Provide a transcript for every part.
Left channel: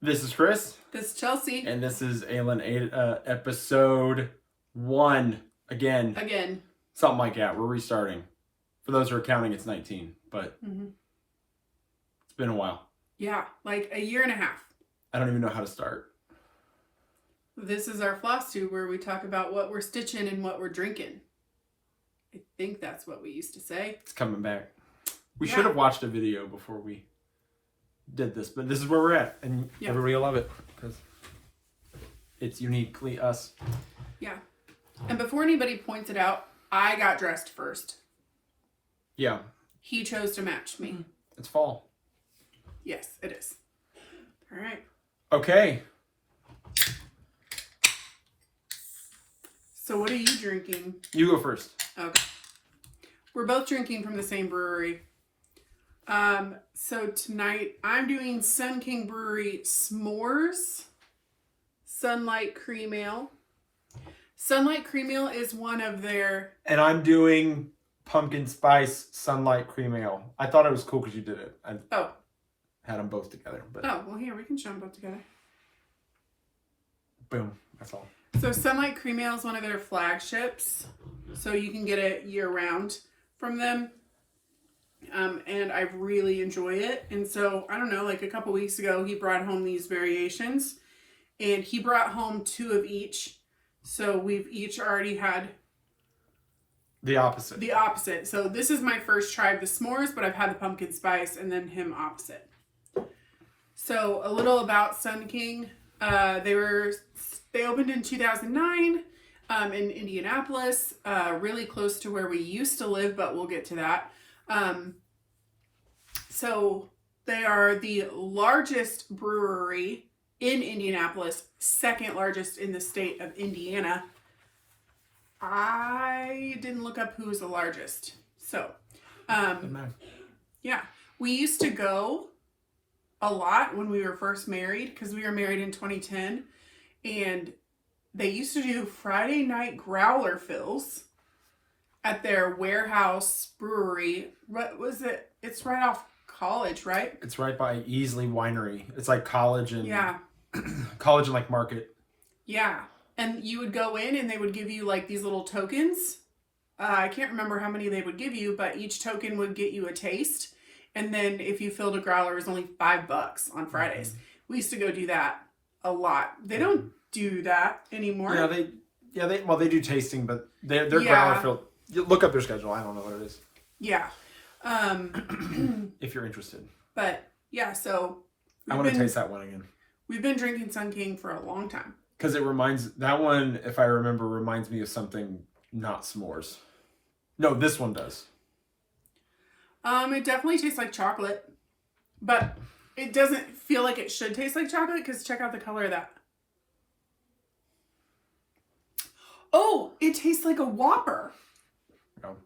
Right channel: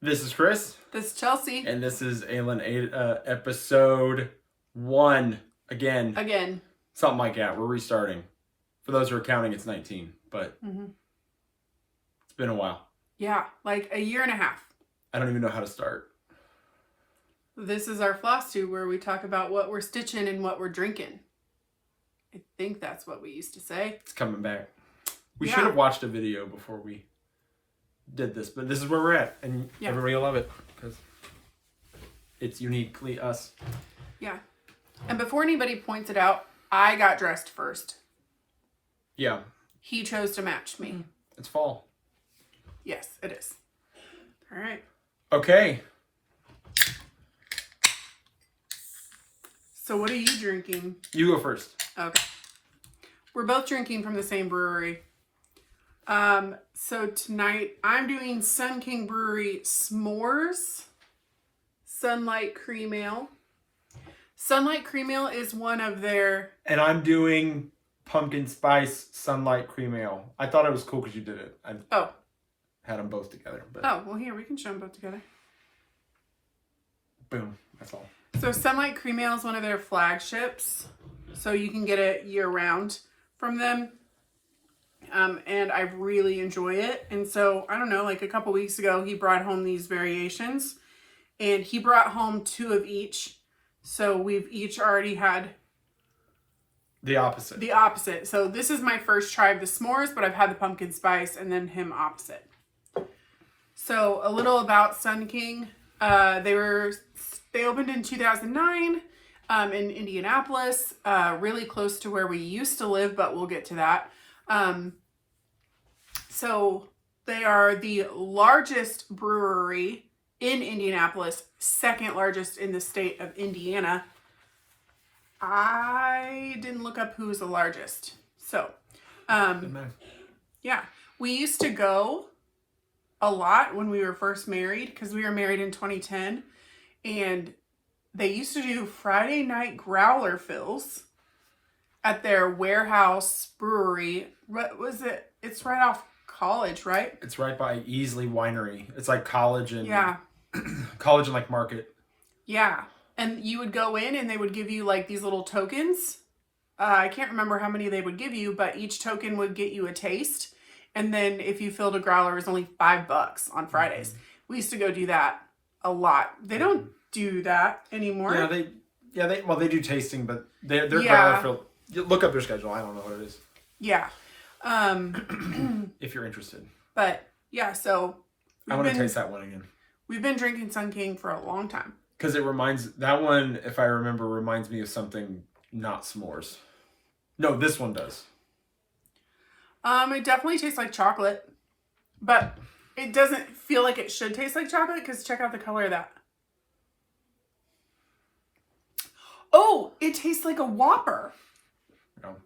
This is Chris. This is Chelsea. And this is episode 1. Again. Something like that. We're restarting. For those who are counting, it's 19. But it's been a while. Yeah, like a year and a half. I don't even know how to start. This is our Flosstube where we talk about what we're stitching and what we're drinking. I think that's what we used to say. It's coming back. We should have watched a video before we did this, but this is where we're at, and everybody will love it because it's uniquely us. Yeah. And before anybody points it out, I got dressed first. Yeah. He chose to match me. It's fall. Yes, it is. All right. Okay. So what are you drinking? You go first. Okay. We're both drinking from the same brewery. So tonight I'm doing Sun King Brewery S'mores Sunlight Cream Ale. Sunlight Cream Ale is one of their... And I'm doing Pumpkin Spice Sunlight Cream Ale. I thought it was cool because you did it. I had them both together. But... Oh, well here, we can show them both together. Boom. That's all. So Sunlight Cream Ale is one of their flagships. So you can get it year-round from them. And I really enjoy it. And so, I don't know, like a couple weeks ago, he brought home these variations. And he brought home 2 of each. So we've each already had... The opposite. The opposite. So this is my first try of the s'mores, but I've had the pumpkin spice and then him opposite. So a little about Sun King. They opened in 2009 in Indianapolis, really close to where we used to live, but we'll get to that. So they are the largest brewery in Indianapolis, second largest in the state of Indiana. I didn't look up who was the largest. So, yeah, we used to go a lot when we were first married because we were married in 2010, and they used to do Friday night growler fills at their warehouse brewery. What was it? It's right off College, right? It's right by Easley Winery. It's like College and College and like Market. Yeah. And you would go in and they would give you like these little tokens. I can't remember how many they would give you, but each token would get you a taste. And then if you filled a growler, it was only $5 on Fridays. We used to go do that a lot. They don't do that anymore. They do tasting, but their growler filled. Look up their schedule. I don't know what it is. Yeah. If you're interested. But yeah, so I want to taste that one again. We've been drinking Sun King for a long time. Because that one, if I remember, reminds me of something not s'mores. No, this one does. It definitely tastes like chocolate, but it doesn't feel like it should taste like chocolate because check out the color of that. Oh, it tastes like a Whopper. No.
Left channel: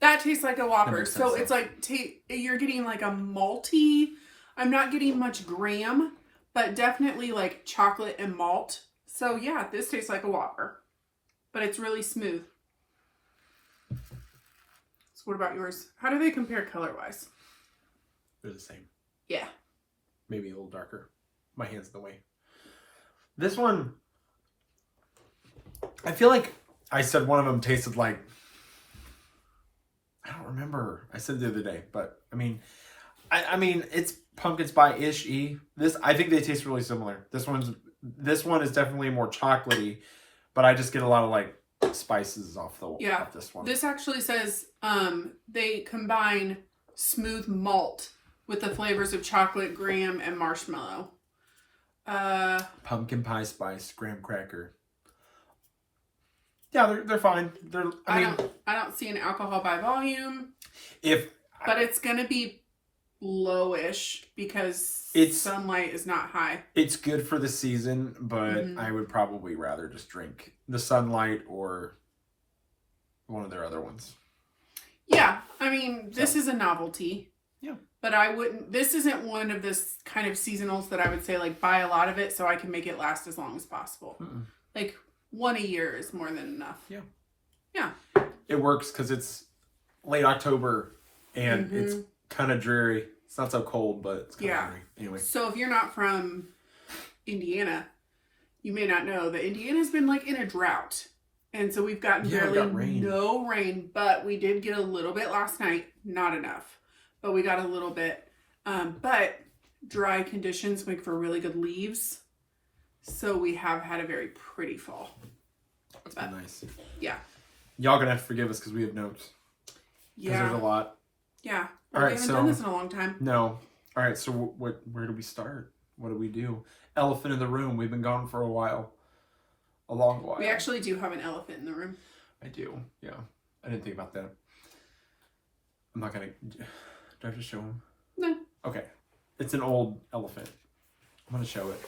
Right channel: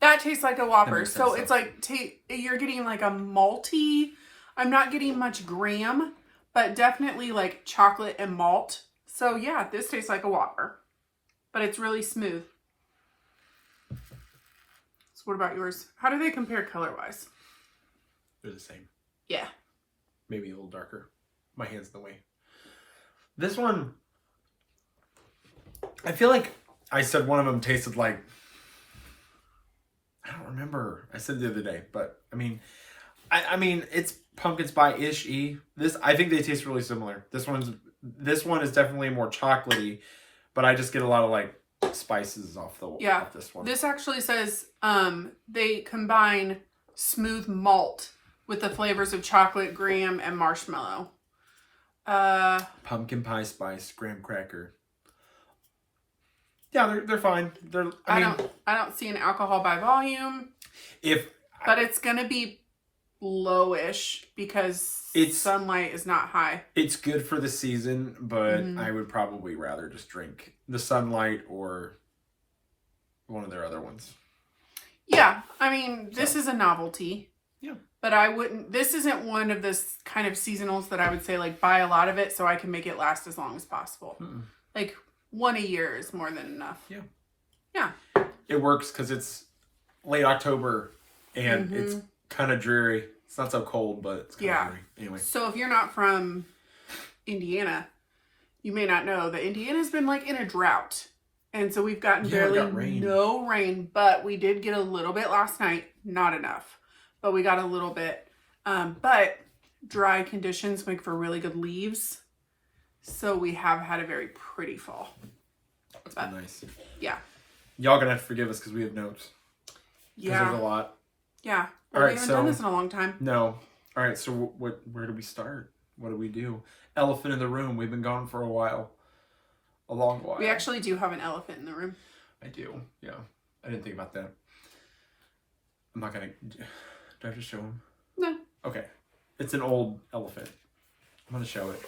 That tastes like a Whopper. So it's like, you're getting like a malty. I'm not getting much graham, but definitely like chocolate and malt. So yeah, this tastes like a Whopper, but it's really smooth. So what about yours? How do they compare color-wise? They're the same. Yeah. Maybe a little darker. My hand's in the way. This one, I feel like I said one of them tasted like, I don't remember. I said it the other day, but I mean, it's pumpkin spice-ish-y. I think they taste really similar. This one is definitely more chocolatey, but I just get a lot of like spices off this one. This actually says they combine smooth malt with the flavors of chocolate, graham, and marshmallow. Pumpkin pie spice, graham cracker. Yeah, they're fine. I don't see an alcohol by volume. But it's gonna be lowish because sunlight is not high. It's good for the season, but I would probably rather just drink the Sunlight or one of their other ones. Yeah, I mean, this is a novelty. Yeah. But this isn't one of this kind of seasonals that I would say like buy a lot of it so I can make it last as long as possible. Like 1 a year is more than enough. Yeah. Yeah. It works because it's late October and it's kind of dreary. It's not so cold, but it's kind of dreary. Anyway. So if you're not from Indiana, you may not know that Indiana's been like in a drought. And so we've gotten barely no rain, but we did get a little bit last night. Not enough, but we got a little bit. But dry conditions make for really good leaves. So we have had a very pretty fall. That's been nice. Yeah. Y'all gonna have to forgive us because we have notes. Yeah. There's a lot. Yeah. All right, we haven't done this in a long time. No. All right, so where do we start? What do we do? Elephant in the room. We've been gone for a while. A long while. We actually do have an elephant in the room. I do. Yeah. I didn't think about that. I'm not gonna... Do I have to show him? No. Okay. It's an old elephant. I'm gonna show it.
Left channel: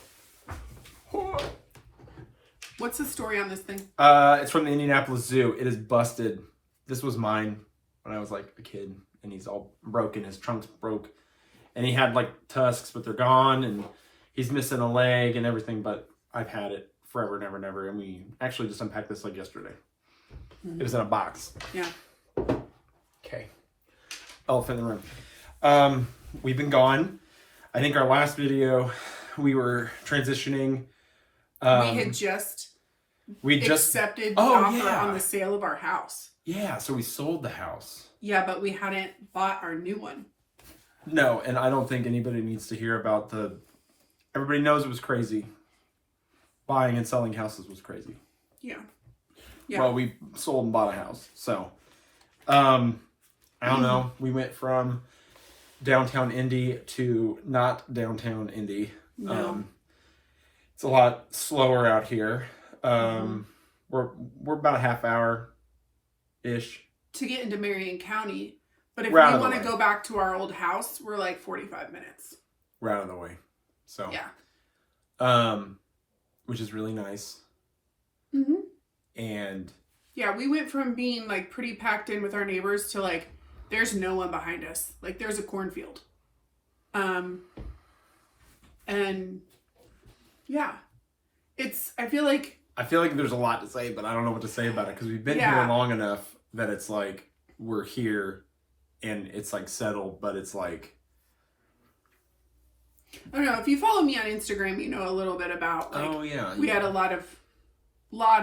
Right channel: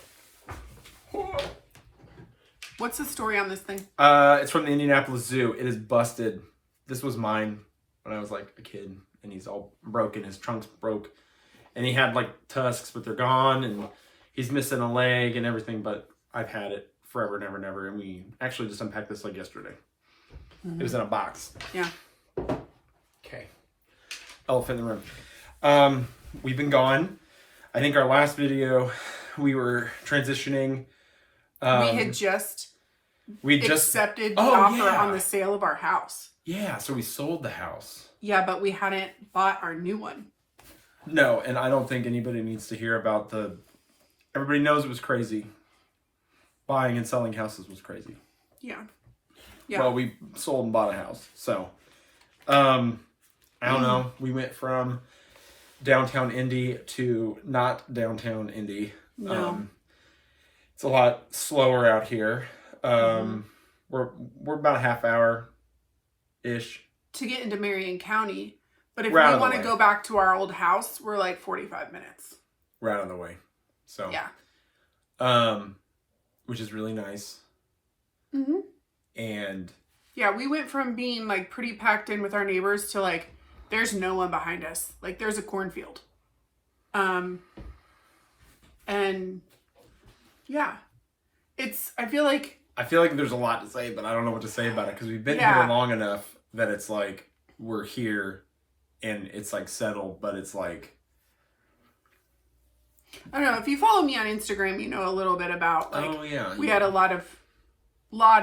What's the story on this thing? It's from the Indianapolis Zoo. It is busted. This was mine when I was like a kid, and he's all broken. His trunk's broke, and he had like tusks, but they're gone, and he's missing a leg and everything. But I've had it forever, never, never, and we actually just unpacked this like yesterday. It was in a box. Yeah. Okay. Elephant in the room. We've been gone. I think our last video, we were transitioning. We had just accepted the offer on the sale of our house. Yeah, so we sold the house. Yeah, but we hadn't bought our new one. No, and I don't think anybody needs to hear about everybody knows it was crazy. Buying and selling houses was crazy. Yeah. Well, we sold and bought a house. So, I don't know. We went from downtown Indy to not downtown Indy. No. It's a lot slower out here. We're about a half hour ish to get into Marion County, but if we want to go back to our old house, we're like 45 minutes. We're out of the way. So yeah. Which is really nice. And yeah, we went from being like pretty packed in with our neighbors to like there's no one behind us. Like there's a cornfield. And yeah, I feel like there's a lot to say, but I don't know what to say about it because we've been here long enough that it's like we're here and it's like settled, but it's like I don't know. If you follow me on Instagram, you know a little bit about we had a lot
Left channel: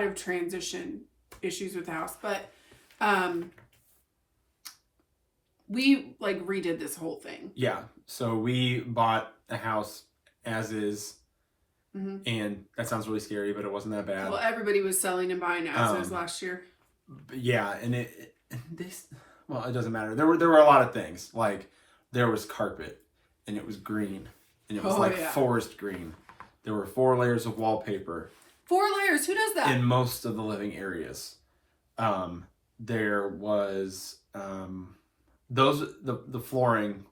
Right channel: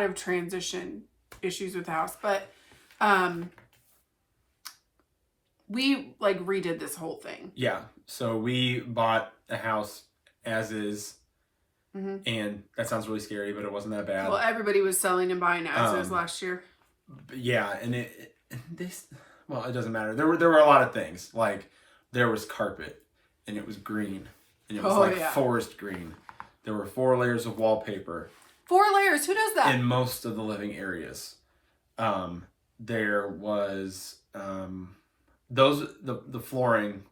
of transition issues with the house, but we like redid this whole thing. Yeah. So we bought a house as is. And that sounds really scary, but it wasn't that bad. Well, everybody was selling and buying as is last year. Yeah, and it doesn't matter. There were a lot of things. Like there was carpet, and it was green, and it was forest green. There were 4 layers of wallpaper. 4 layers? Who does that? In most of the living areas, there was the flooring.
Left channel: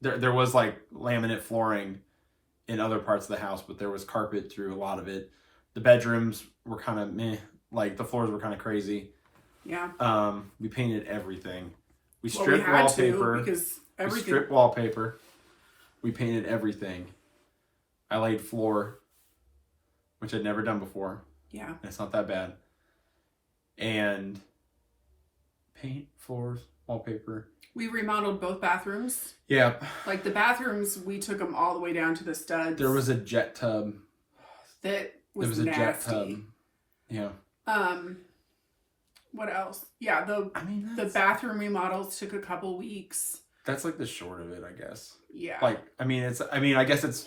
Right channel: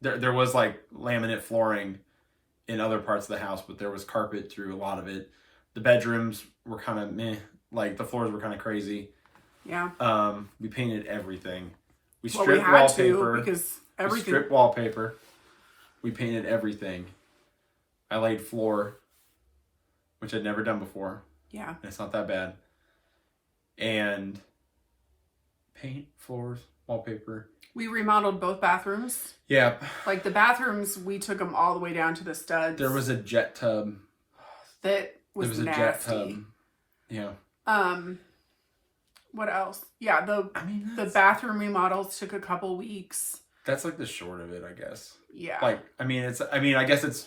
There was like laminate flooring in other parts of the house, but there was carpet through a lot of it. The bedrooms were kind of meh, like the floors were kind of crazy. Yeah. We painted everything. We stripped wallpaper. We stripped wallpaper. We painted everything. I laid floor, which I'd never done before. Yeah. And it's not that bad. And paint, floors, wallpaper. We remodeled both bathrooms. Yeah. Like the bathrooms, we took them all the way down to the studs. There was a jet tub. That was nasty. A jet tub. Yeah. What else? Yeah, the bathroom remodels took a couple weeks. That's like the short of it, I guess. Yeah. I guess it's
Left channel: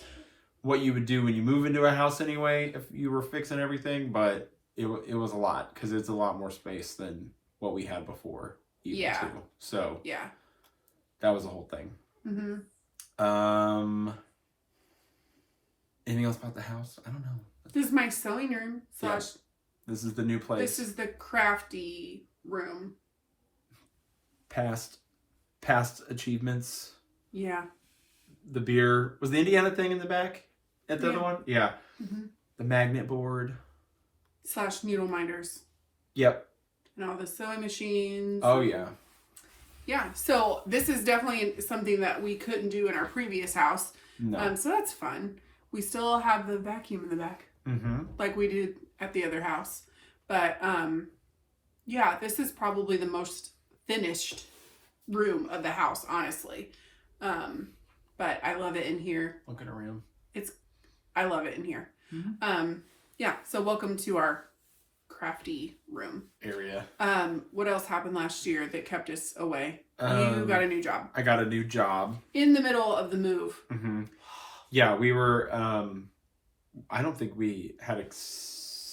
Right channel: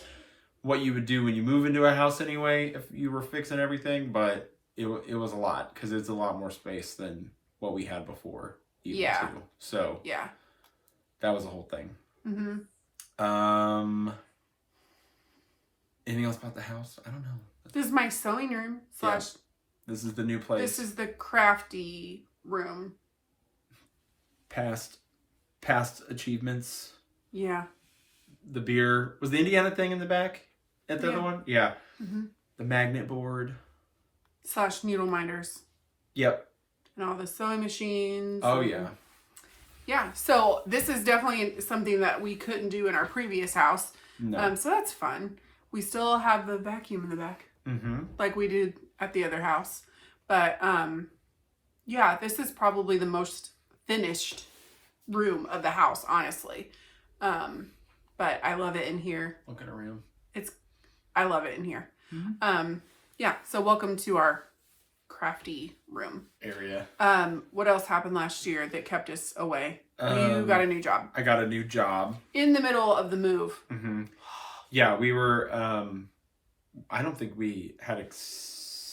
what you would do when you move into a house anyway, if you were fixing everything, but it was a lot because it's a lot more space than what we had before. Too. So yeah, that was the whole thing. Anything else about the house? I don't know. This is my sewing room / This is the new place. This is the crafty room. Past achievements. Yeah. The beer was the Indiana thing in the back at the other one. Yeah. The magnet board / needle minders. Yep. And all the sewing machines. Oh, yeah. Yeah. So this is definitely something that we couldn't do in our previous house. No. So that's fun. We still have the vacuum in the back. Like we did at the other house. But, yeah, this is probably the most finished room of the house, honestly. But I love it in here. Looking around. I love it in here. Yeah, so welcome to our crafty room area. What else happened last year that kept us away? You got a new job. I got a new job In the middle of the move. Yeah, we were. I don't think we had.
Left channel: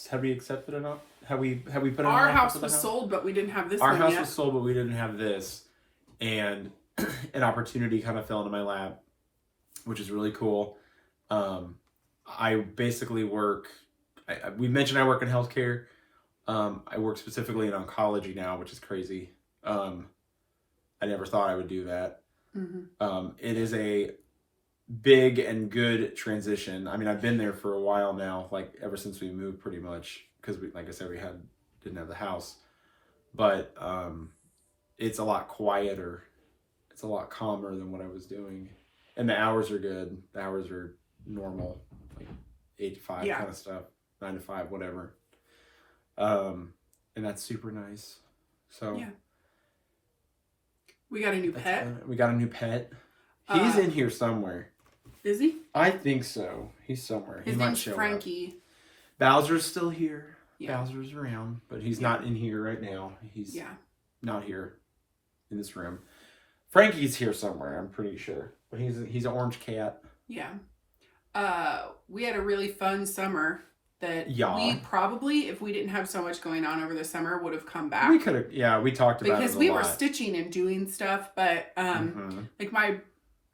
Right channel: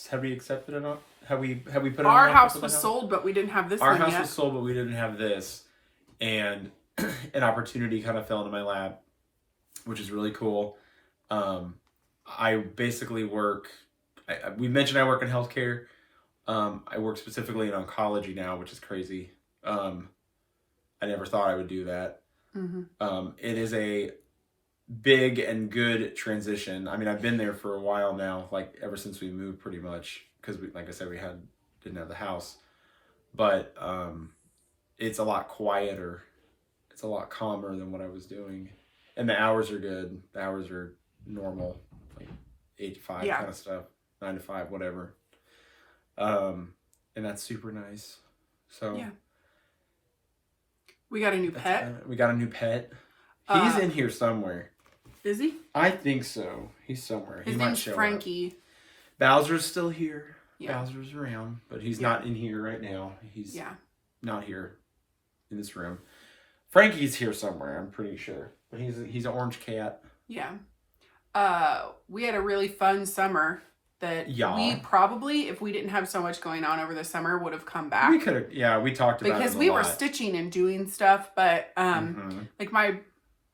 Have we accepted it? Have we put our an house was sold, but we didn't have this. Our one house yet. was sold, but we didn't have this, and an opportunity kind of fell into my lap, which is really cool. I basically work. We mentioned I work in healthcare. I work specifically in oncology now, which is crazy. I never thought I would do that. It is a big and good transition. I mean, I've been there for a while now, like ever since we moved, pretty much, because we, like I said, didn't have the house. But it's a lot quieter. It's a lot calmer than what I was doing, and the hours are good. The hours are normal, like 8 to 5 kind of stuff, 9 to 5, whatever. And that's super nice. So yeah. We got a new pet. We got a new pet. He's in here somewhere. Is he? I think so. He's somewhere. His name's Frankie. Up. Bowser's still here. Yeah. Bowser's around, but he's not in here right now. He's not here in this room. Frankie's here somewhere, I'm pretty sure. But he's an orange cat. Yeah. We had a really fun summer that we probably, if we didn't have so much going on over the summer, would have come back. We could have, we talked about it a lot. Because we were stitching and doing stuff, but like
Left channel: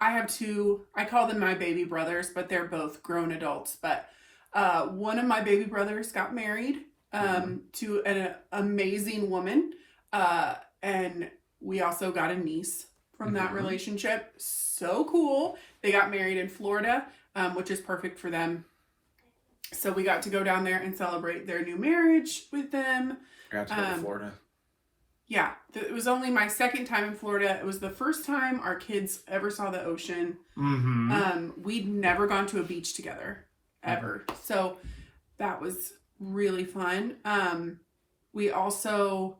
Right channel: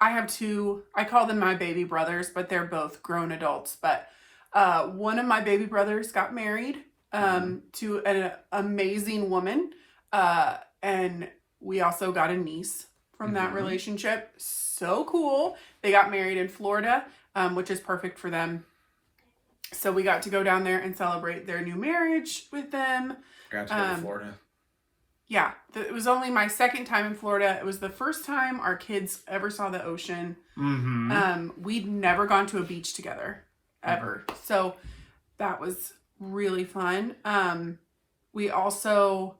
I have two, I call them my baby brothers, but they're both grown adults. But one of my baby brothers got married to an amazing woman. And we also got a niece from that relationship. So cool. They got married in Florida, which is perfect for them. So we got to go down there and celebrate their new marriage with them. I got to go to Florida. Yeah, it was only my second time in Florida. It was the first time our kids ever saw the ocean. We'd never gone to a beach together, ever. So that was really fun. We also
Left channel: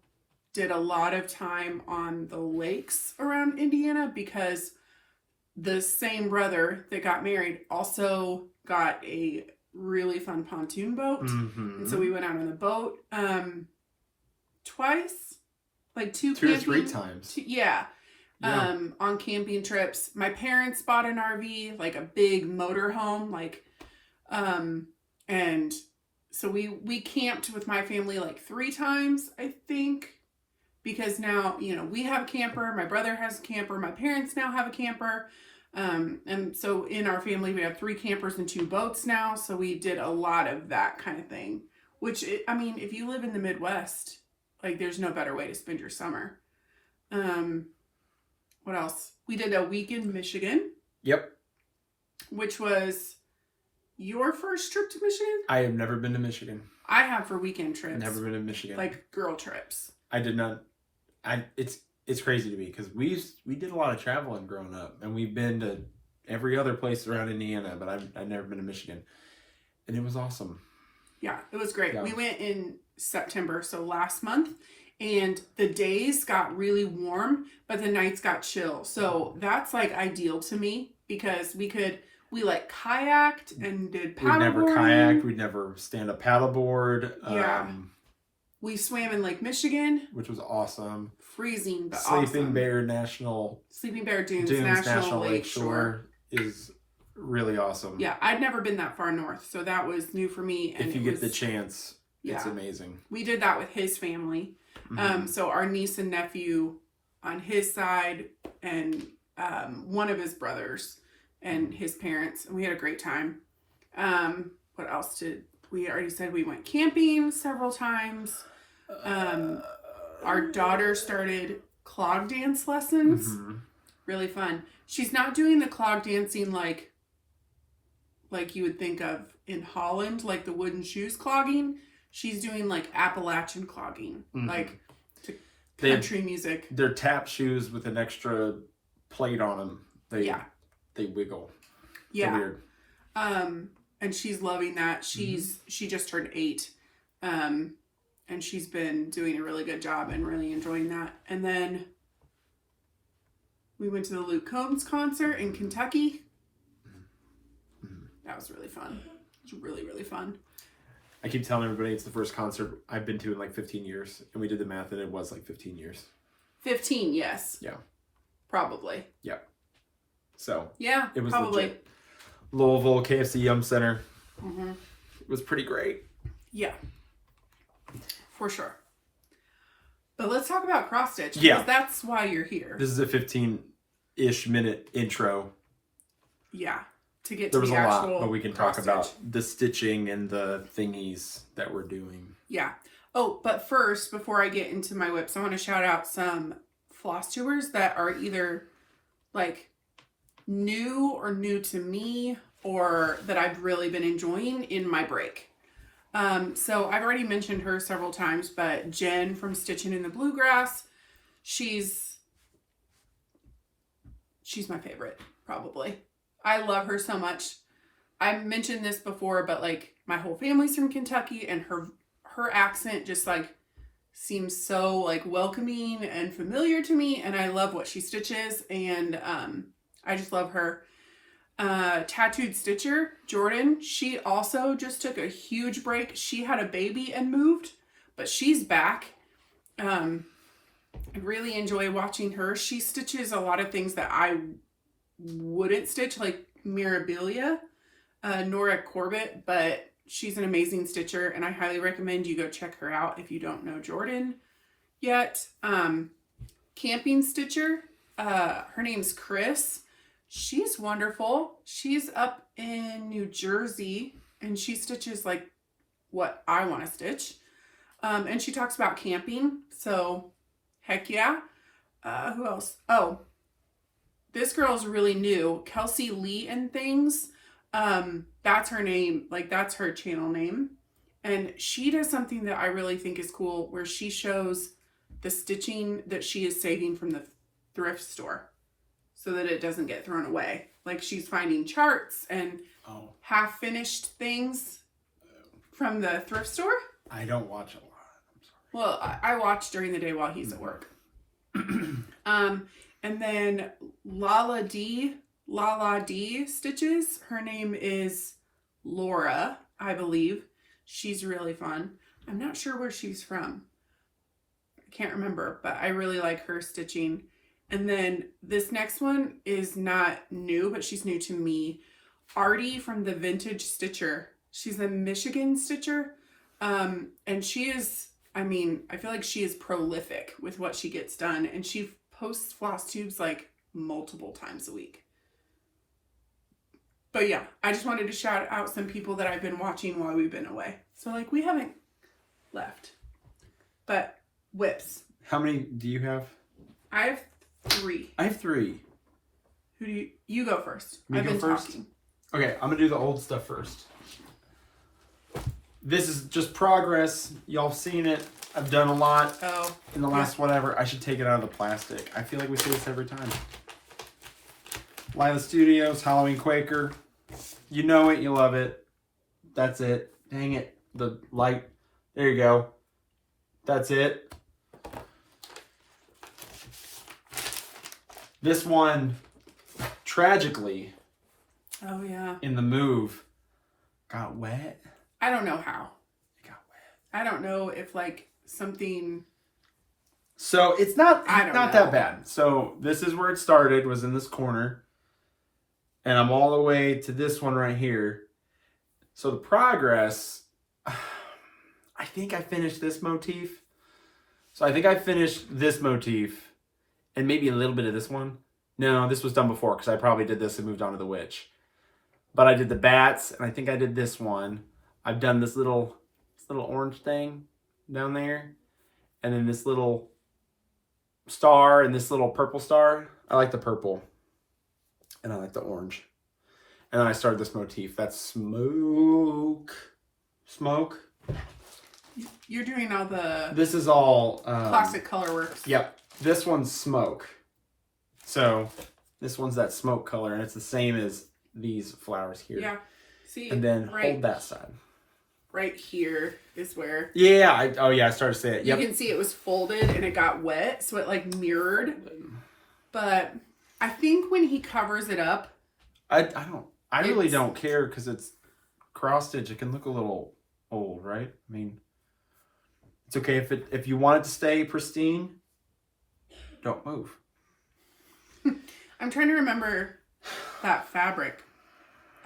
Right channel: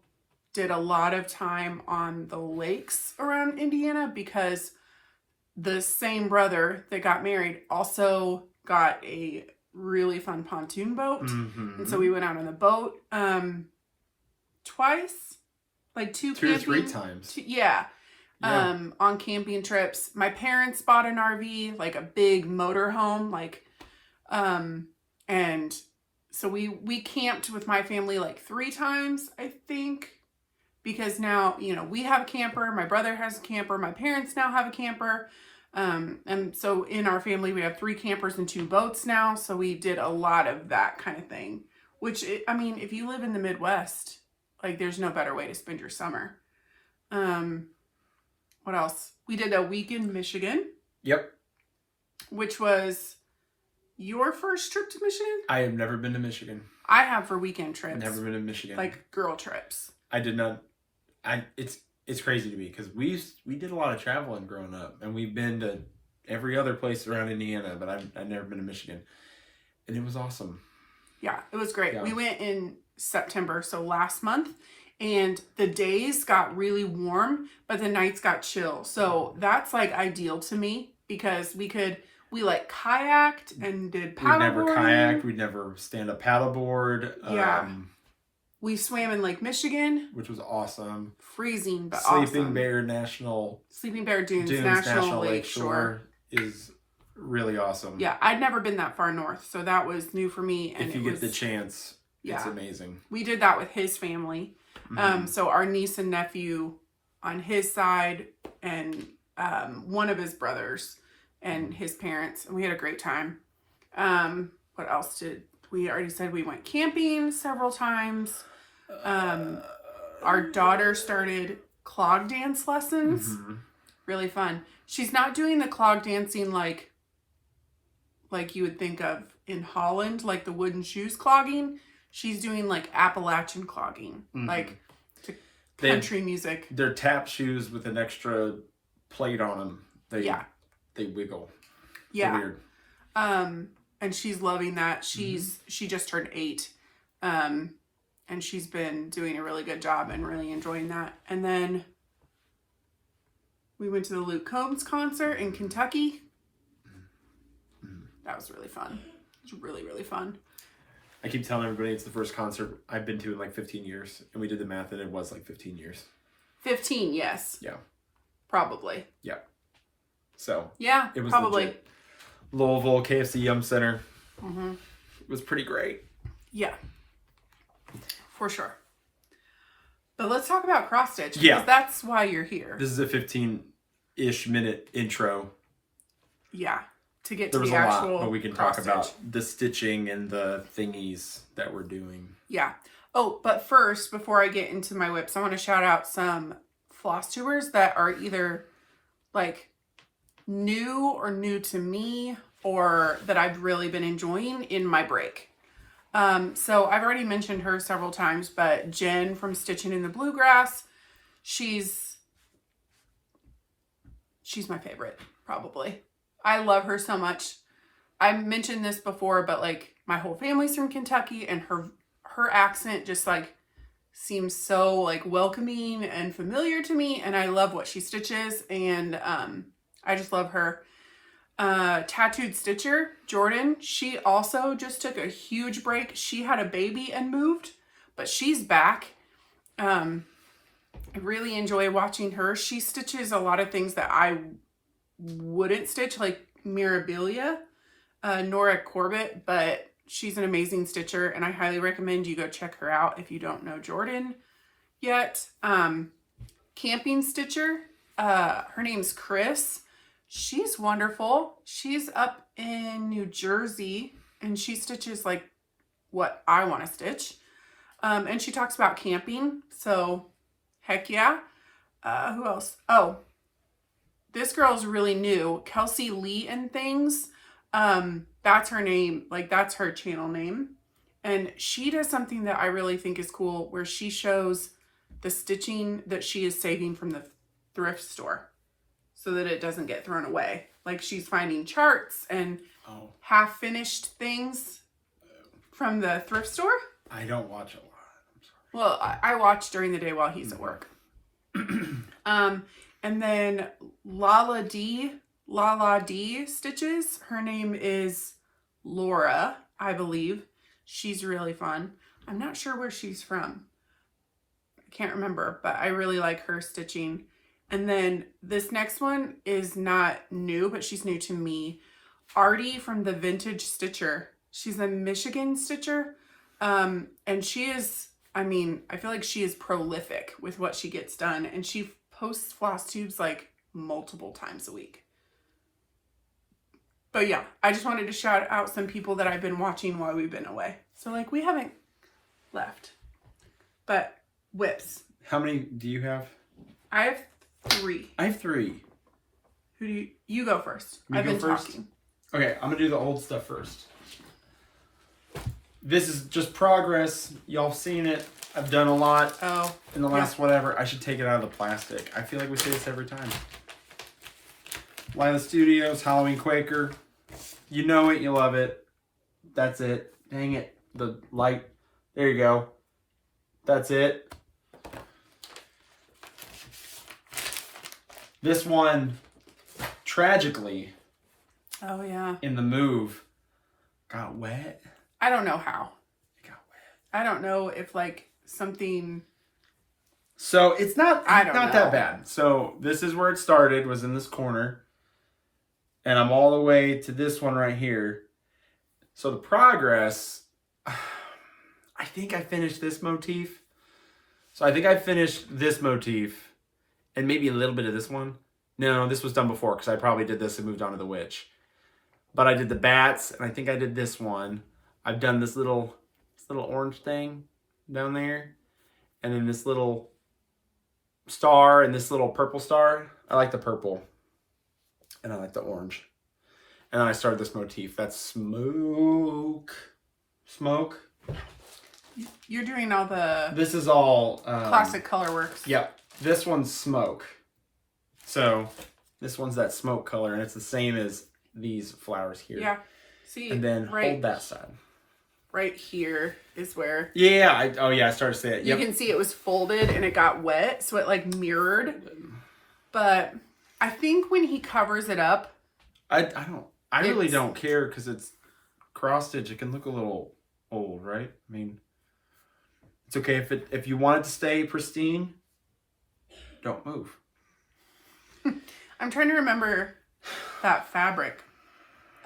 did a lot of time on the lakes around Indiana because the same brother that got married also got a really fun pontoon boat. And so we went out on the boat twice. Like two or three times. On camping trips. My parents bought an RV, like a big motor home, and so we camped with my family like 3 times, I think, because now, we have a camper, my brother has a camper, my parents now have a camper, and so in our family we have 3 campers and 2 boats now, so we did a lot of that kind of thing, which, if you live in the Midwest, like, there's no better way to spend your summer. What else? We did a week in Michigan. Yep. Which was your first trip to Michigan? I have never been to Michigan. I have for weekend trips. Never been to Michigan. Like, girl trips. I did not. It's crazy to me because we did a lot of traveling growing up, and we've been to every other place around Indiana, but I've never been to Michigan, and it was awesome. Yeah, it was great. Yeah. We went in September, so last month, and the days got really warm, but the nights got chill. So that's like ideal to me because we like kayaked and did paddleboarding. We'd never kayaked. We'd never stand up paddleboard. We swam in Lake Michigan, which was awesome. Freezing, but Sleeping awesome. Sleeping Bear Dunes National Lake Shore is really awesome. Yeah, I'd never been that far north, so that was new for me. And if you get the chance, it's amazing. We did that with his family. So our niece and nephew on his side, and one of his brothers and his parents, and we had a great time. What else did we already said? We went camping several times. Our daughter started clog dance lessons. Really fun. She's not doing the clog dancing like you would think of in Holland, like the wooden shoes clogging. She's doing like Appalachian clogging, like to country music. They're tap shoes with an extra plate on them. They wiggle. Yeah. They're weird. And she's loving that. She just turned 8. And she's been doing a really good job and really enjoying that. And then we went to the Luke Combs concert in Kentucky. That was really fun. It's really, really fun. I keep telling everybody it's the first concert I've been to in like 15 years. And we did the math and it was like 15 years. 15, yes. Yeah. Probably. Yeah. So. Yeah, it was probably. Legit. Louisville, KFC Yum Center. Mm-hmm. It was pretty great. Yeah. For sure. But let's talk about cross stitch. Yeah. Because that's why you're here. This is a 15-ish minute intro. Yeah. To get there to was the a actual lot, but we can talk about the stitching and the thingies that we're doing. Yeah. Oh, but first, before I get into my whips, I want to shout out some Flosstubers that are either like new or new to me, or that I've really been enjoying in my break. So I've already mentioned her several times, but Jen from Stitching in the Bluegrass, she's my favorite, probably. I love her so much. I mentioned this before, but like my whole family's from Kentucky, and her accent just like seems so like welcoming and familiar to me, and I love what she stitches, and I just love her. Tattooed Stitcher, Jordan, she also just took a huge break. She had a baby and moved, but she's back. I really enjoy watching her. She stitches a lot of things that I wouldn't stitch, like Mirabilia, Nora Corbett, but she's an amazing stitcher, and I highly recommend you go check her out if you don't know Jordan yet. Camping Stitcher, her name's Chris. She's wonderful. She's up in New Jersey, and she stitches like what I want to stitch. And she talks about camping, so heck yeah. Who else? Oh, this girl's really new. Kelsey Lee and Things. That's her name. Like, that's her channel name. And she does something that I really think is cool, where she shows the stitching that she is saving from the thrift store so that it doesn't get thrown away. Like, she's finding charts and half-finished things from the thrift store. I don't watch a lot. I'm sorry. Well, I watch during the day while he's at work. And then Lala D stitches. Her name is Laura, I believe. She's really fun. I'm not sure where she's from. I can't remember, but I really like her stitching. And then this next one is not new, but she's new to me. Artie from the Vintage Stitcher. She's a Michigan stitcher. And she is, I mean, I feel like she is prolific with what she gets done. And she posts Flosstubes like multiple times a week. But yeah, I just wanted to shout out some people that I've been watching while we've been away. So like, we haven't left. But whips. How many do you have? I have 3. I have 3. Who do you go first? Me I've go been first? talking. Okay, I'm gonna do the old stuff first. This is just progress. Y'all seen it. I've done a lot in the last whatever. I should take it out of the plastic. I feel like we say this every time. Lila Studios, Halloween Quaker. You know it, you love it. That's it. Dang it. The light. There you go. That's it. This one, tragically, Oh yeah. in the move, got wet. I don't know how. It got wet. I don't know if like something. So it's not I don't know. that bad. So this is where it started, was in this corner. And I'm all the way to this one right here. So the progress, I think I finished this motif. So I think I finished this motif and maybe a little bit of this one. No, this was done before because I probably did this and moved on to the witch. But I did the bats, and I think I did this one. I've done this little orange thing down there. And then this little star and this little purple star. I like the purple. And I like the orange. And then I started this motif. That's smoke. Smoke. You're doing all the This is all... classic color works. Yep. This one's smoke. So this one's that smoke color. And it's the same as these flowers here. Yeah. See, And then hold that side. Right here is where... Yeah. I started to say it. Yep. You can see it was folded and it got wet. So it like mirrored. But I think when he covers it up... I really don't care because it's cross stitch, it can look a little old, right? I mean, it's okay if you want it to stay pristine, don't move. I'm trying to remember that fabric.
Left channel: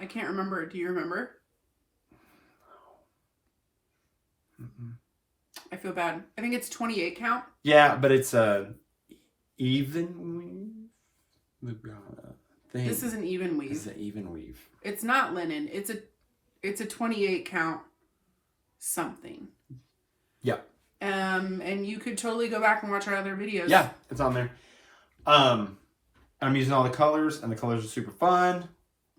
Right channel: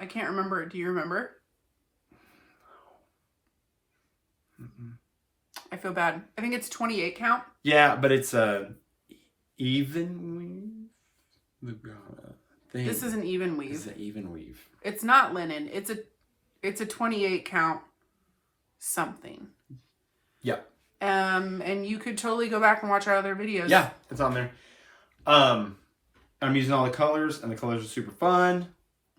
I can't remember. Do you remember? Mm-mm. I feel bad. I think it's 28 count. Yeah, but it's a even weave. This is an even weave. This is an even weave. It's not linen. It's a 28 count something. Yeah. And you could totally go back and watch our other videos. Yeah, it's on there. I'm using all the colors, and the colors are super fun.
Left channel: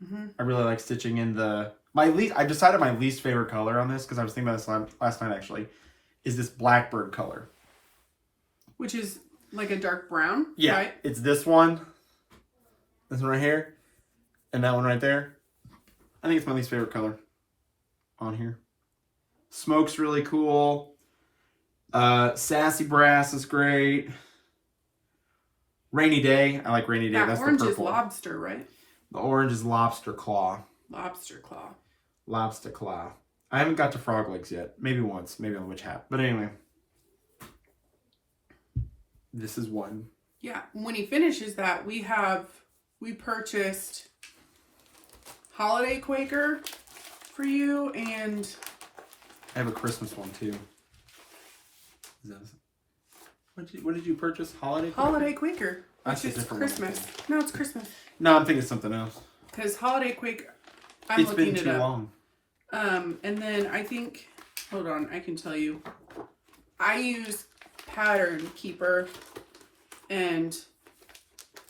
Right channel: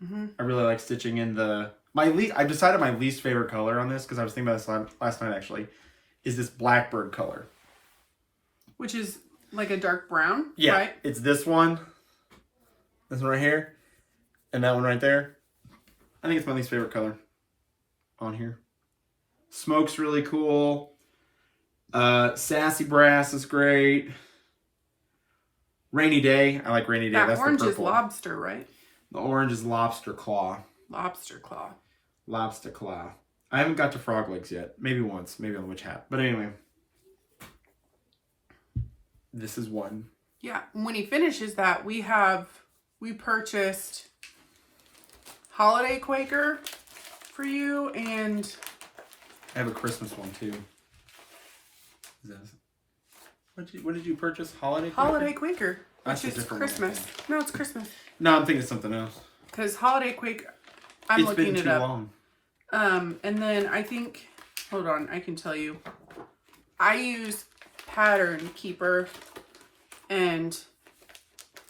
Mm-hmm. I really like stitching in I've decided my least favorite color on this, because I was thinking about this last night actually, is this blackbird color. Which is like a dark brown, yeah, right? It's this one right here, and that one right there. I think it's my least favorite color on here. Smoke's really cool. Sassy Brass is great. Rainy Day. I like Rainy Day. That That's orange the is purple. lobster, right? The orange is Lobster Claw. Lobster claw. Lobster Claw. I haven't got to frog legs yet. Maybe once. Maybe on the witch hat. But anyway. This is one. Yeah. When he finishes that, we purchased Holiday Quaker for you, and I have a Christmas one too. What did you purchase? Holiday Quaker? Holiday Quaker. That's Which a is different one, I Christmas. think. No, it's Christmas. No, I'm thinking something else. Because Holiday Quaker, I'm It's looking been it too up. long. And then I think, hold on, I can tell you. I use Pattern Keeper, and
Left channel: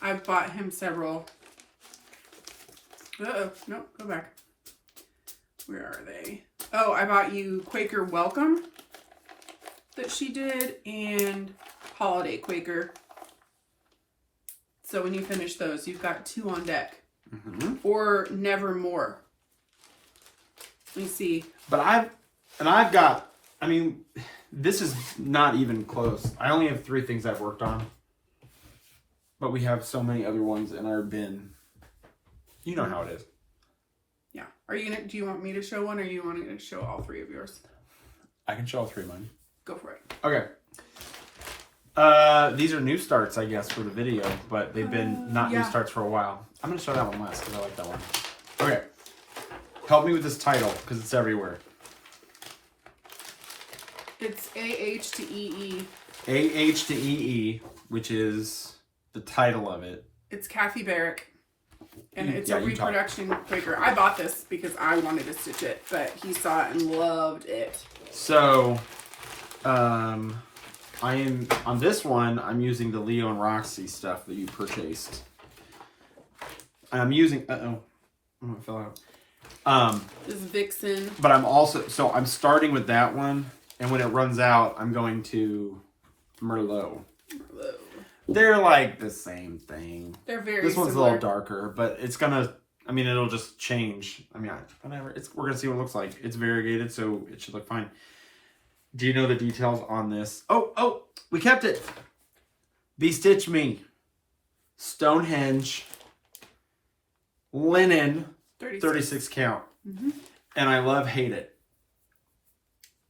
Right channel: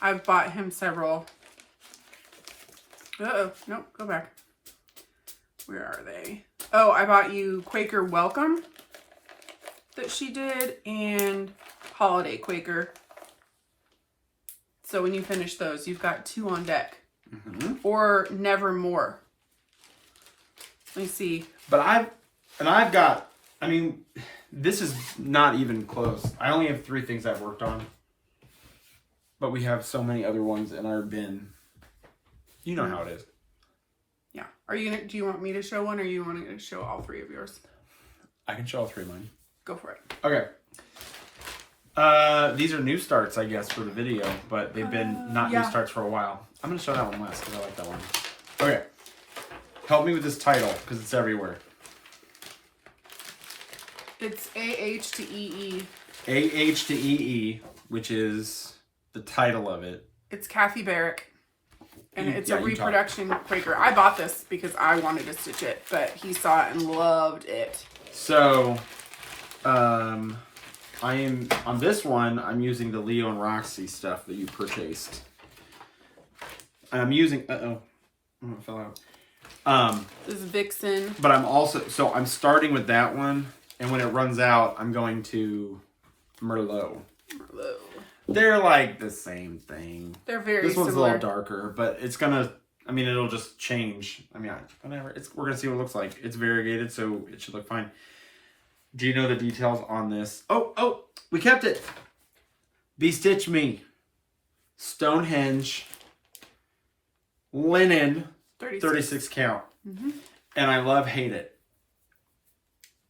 I've bought him several. Uh-oh, nope, go back. Where are they? Oh, I bought you Quaker Welcome that she did, and Holiday Quaker. So when you finish those, you've got 2 on deck. Mm-hmm. Or Nevermore. Let me see. But I've got, I mean, this is not even close. I only have 3 things I've worked on. But we have so many other ones in our bin. You know how it is. Yeah. Do you want me to show one, or you want to show all 3 of yours? I can show all 3 of mine. Go for it. Okay. These are new starts, I guess, for the video, but they've been not new starts for a while. I'm going to show that one last because I like that one. Okay. Help me with this title because it's everywhere. It's AH to EE. AH to EE, which is the title of it. It's Kathy Barrick. And it's a you reproduction Quaker. I bought this because I wanted to stitch it, but he saw it and loved it. So, I am, on this one, I'm using the Leo and Roxy stuff that you purchased. And I'm using, oh, it fell out. This is Vixen. But I'm also, so I'm starting with that one, and when it runs out, I'm going to Merlot. Merlot. They're like the same thing. They're very This one's similar. a little darker, but it's gonna, I mean, it'll just change. I mean, whatever. We're gonna see what it looks like. It's variegated, so it should look fine. Do you know the details on this? Oh, we kept it. Bestitch Me. Stonehenge. Linen. 36 count. Mm-hmm. And I hate it.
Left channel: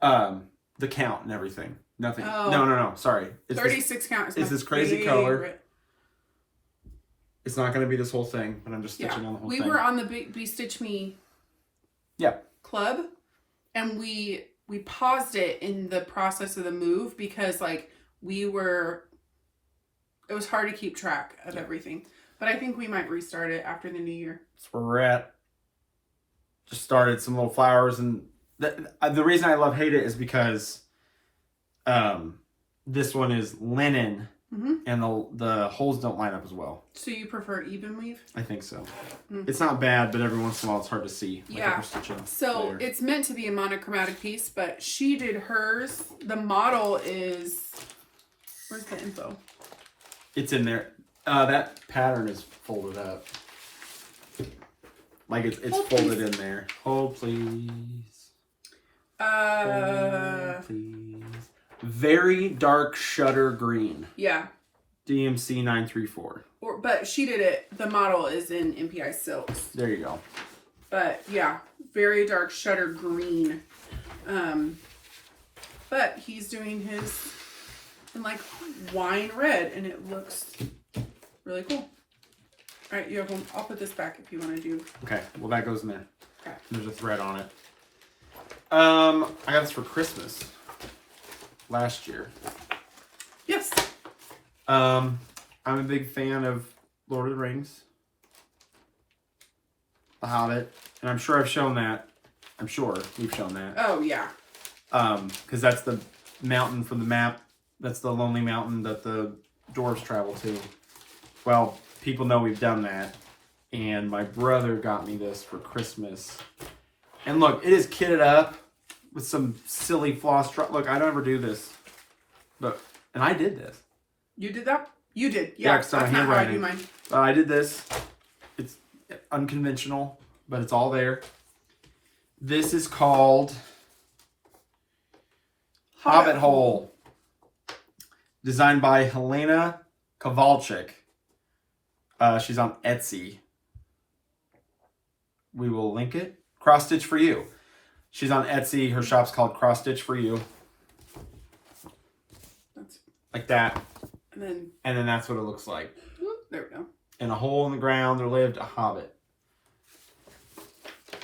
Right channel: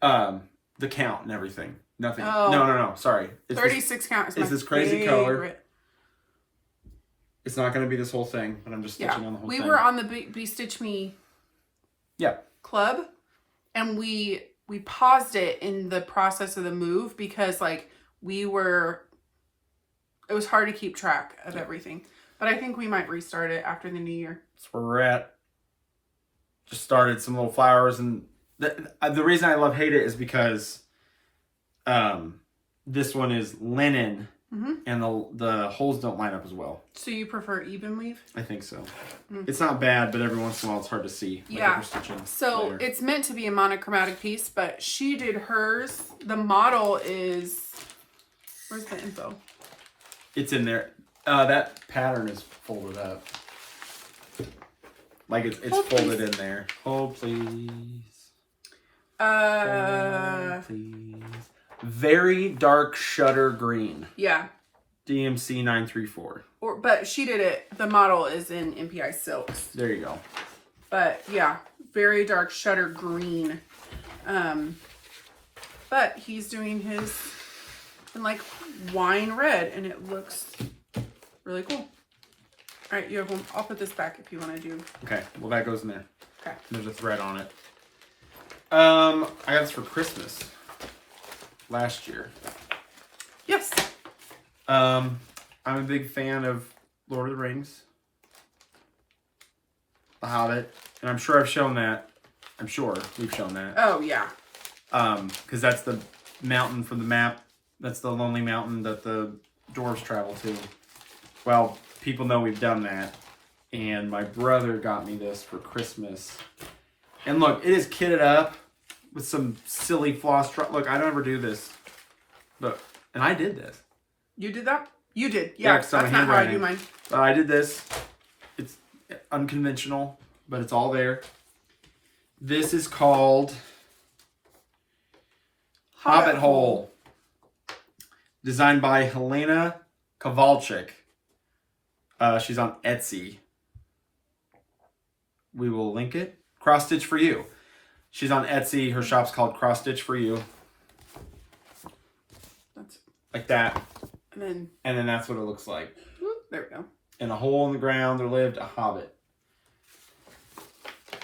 The count and everything. Nothing. Oh. No. Sorry. It's 36 count is it's my this crazy favorite. color. It's not going to be this whole thing, but I'm just stitching on the whole thing. We were on the Bestitch Me club, and we paused it in the process of the move because like it was hard to keep track of everything. But I think we might restart it after the new year. That's where we're at. Just started some little flowers, and the reason I hate it is because this one is linen, and the holes don't line up as well. So you prefer even weave? I think so. It's not bad, but every once in a while it's hard to see. Like Yeah. if we're stitching So later. it's meant to be a monochromatic piece, but she did hers. The model is, where's the info? It's in there. That pattern is folded up. Like it's folded in there. Hold please. Hold please. Very dark shutter green. Yeah. DMC 934. But she did it. The model is in MPI silks. There you go. But yeah, very dark shutter green. But he's doing his in like wine red, and it looks really cool. All right, you have one. I'll put this back if you want to do. Okay, well that goes in there. Okay. There's a thread on it. I got this for Christmas last year. Yes. I'm a big fan of Lord of the Rings, The Hobbit, and I'm sure I've shown that. I'm sure we've shown that. Oh yeah. Because that's the mountain from the map. That's the lonely mountain that the dwarves travel to. Well, people know we've done that. And my brother got me this for Christmas. And look, it is kitted up with some silly floss. Look, I don't ever do this. But, and I did this. You did that? You did. Yeah, because I'm that's not how I do handwriting. mine. I did this. It's unconventional, but it's all there. This is called Hobbit Hole. Designed by Helena Kowalczyk. She's on Etsy. We will link it. Cross Stitch for You. She's on Etsy. Her shop's called Cross Stitch for You. That's, like that. and then that's what it looks like. Whoop, there we go. In a hole in the ground, there lived a hobbit.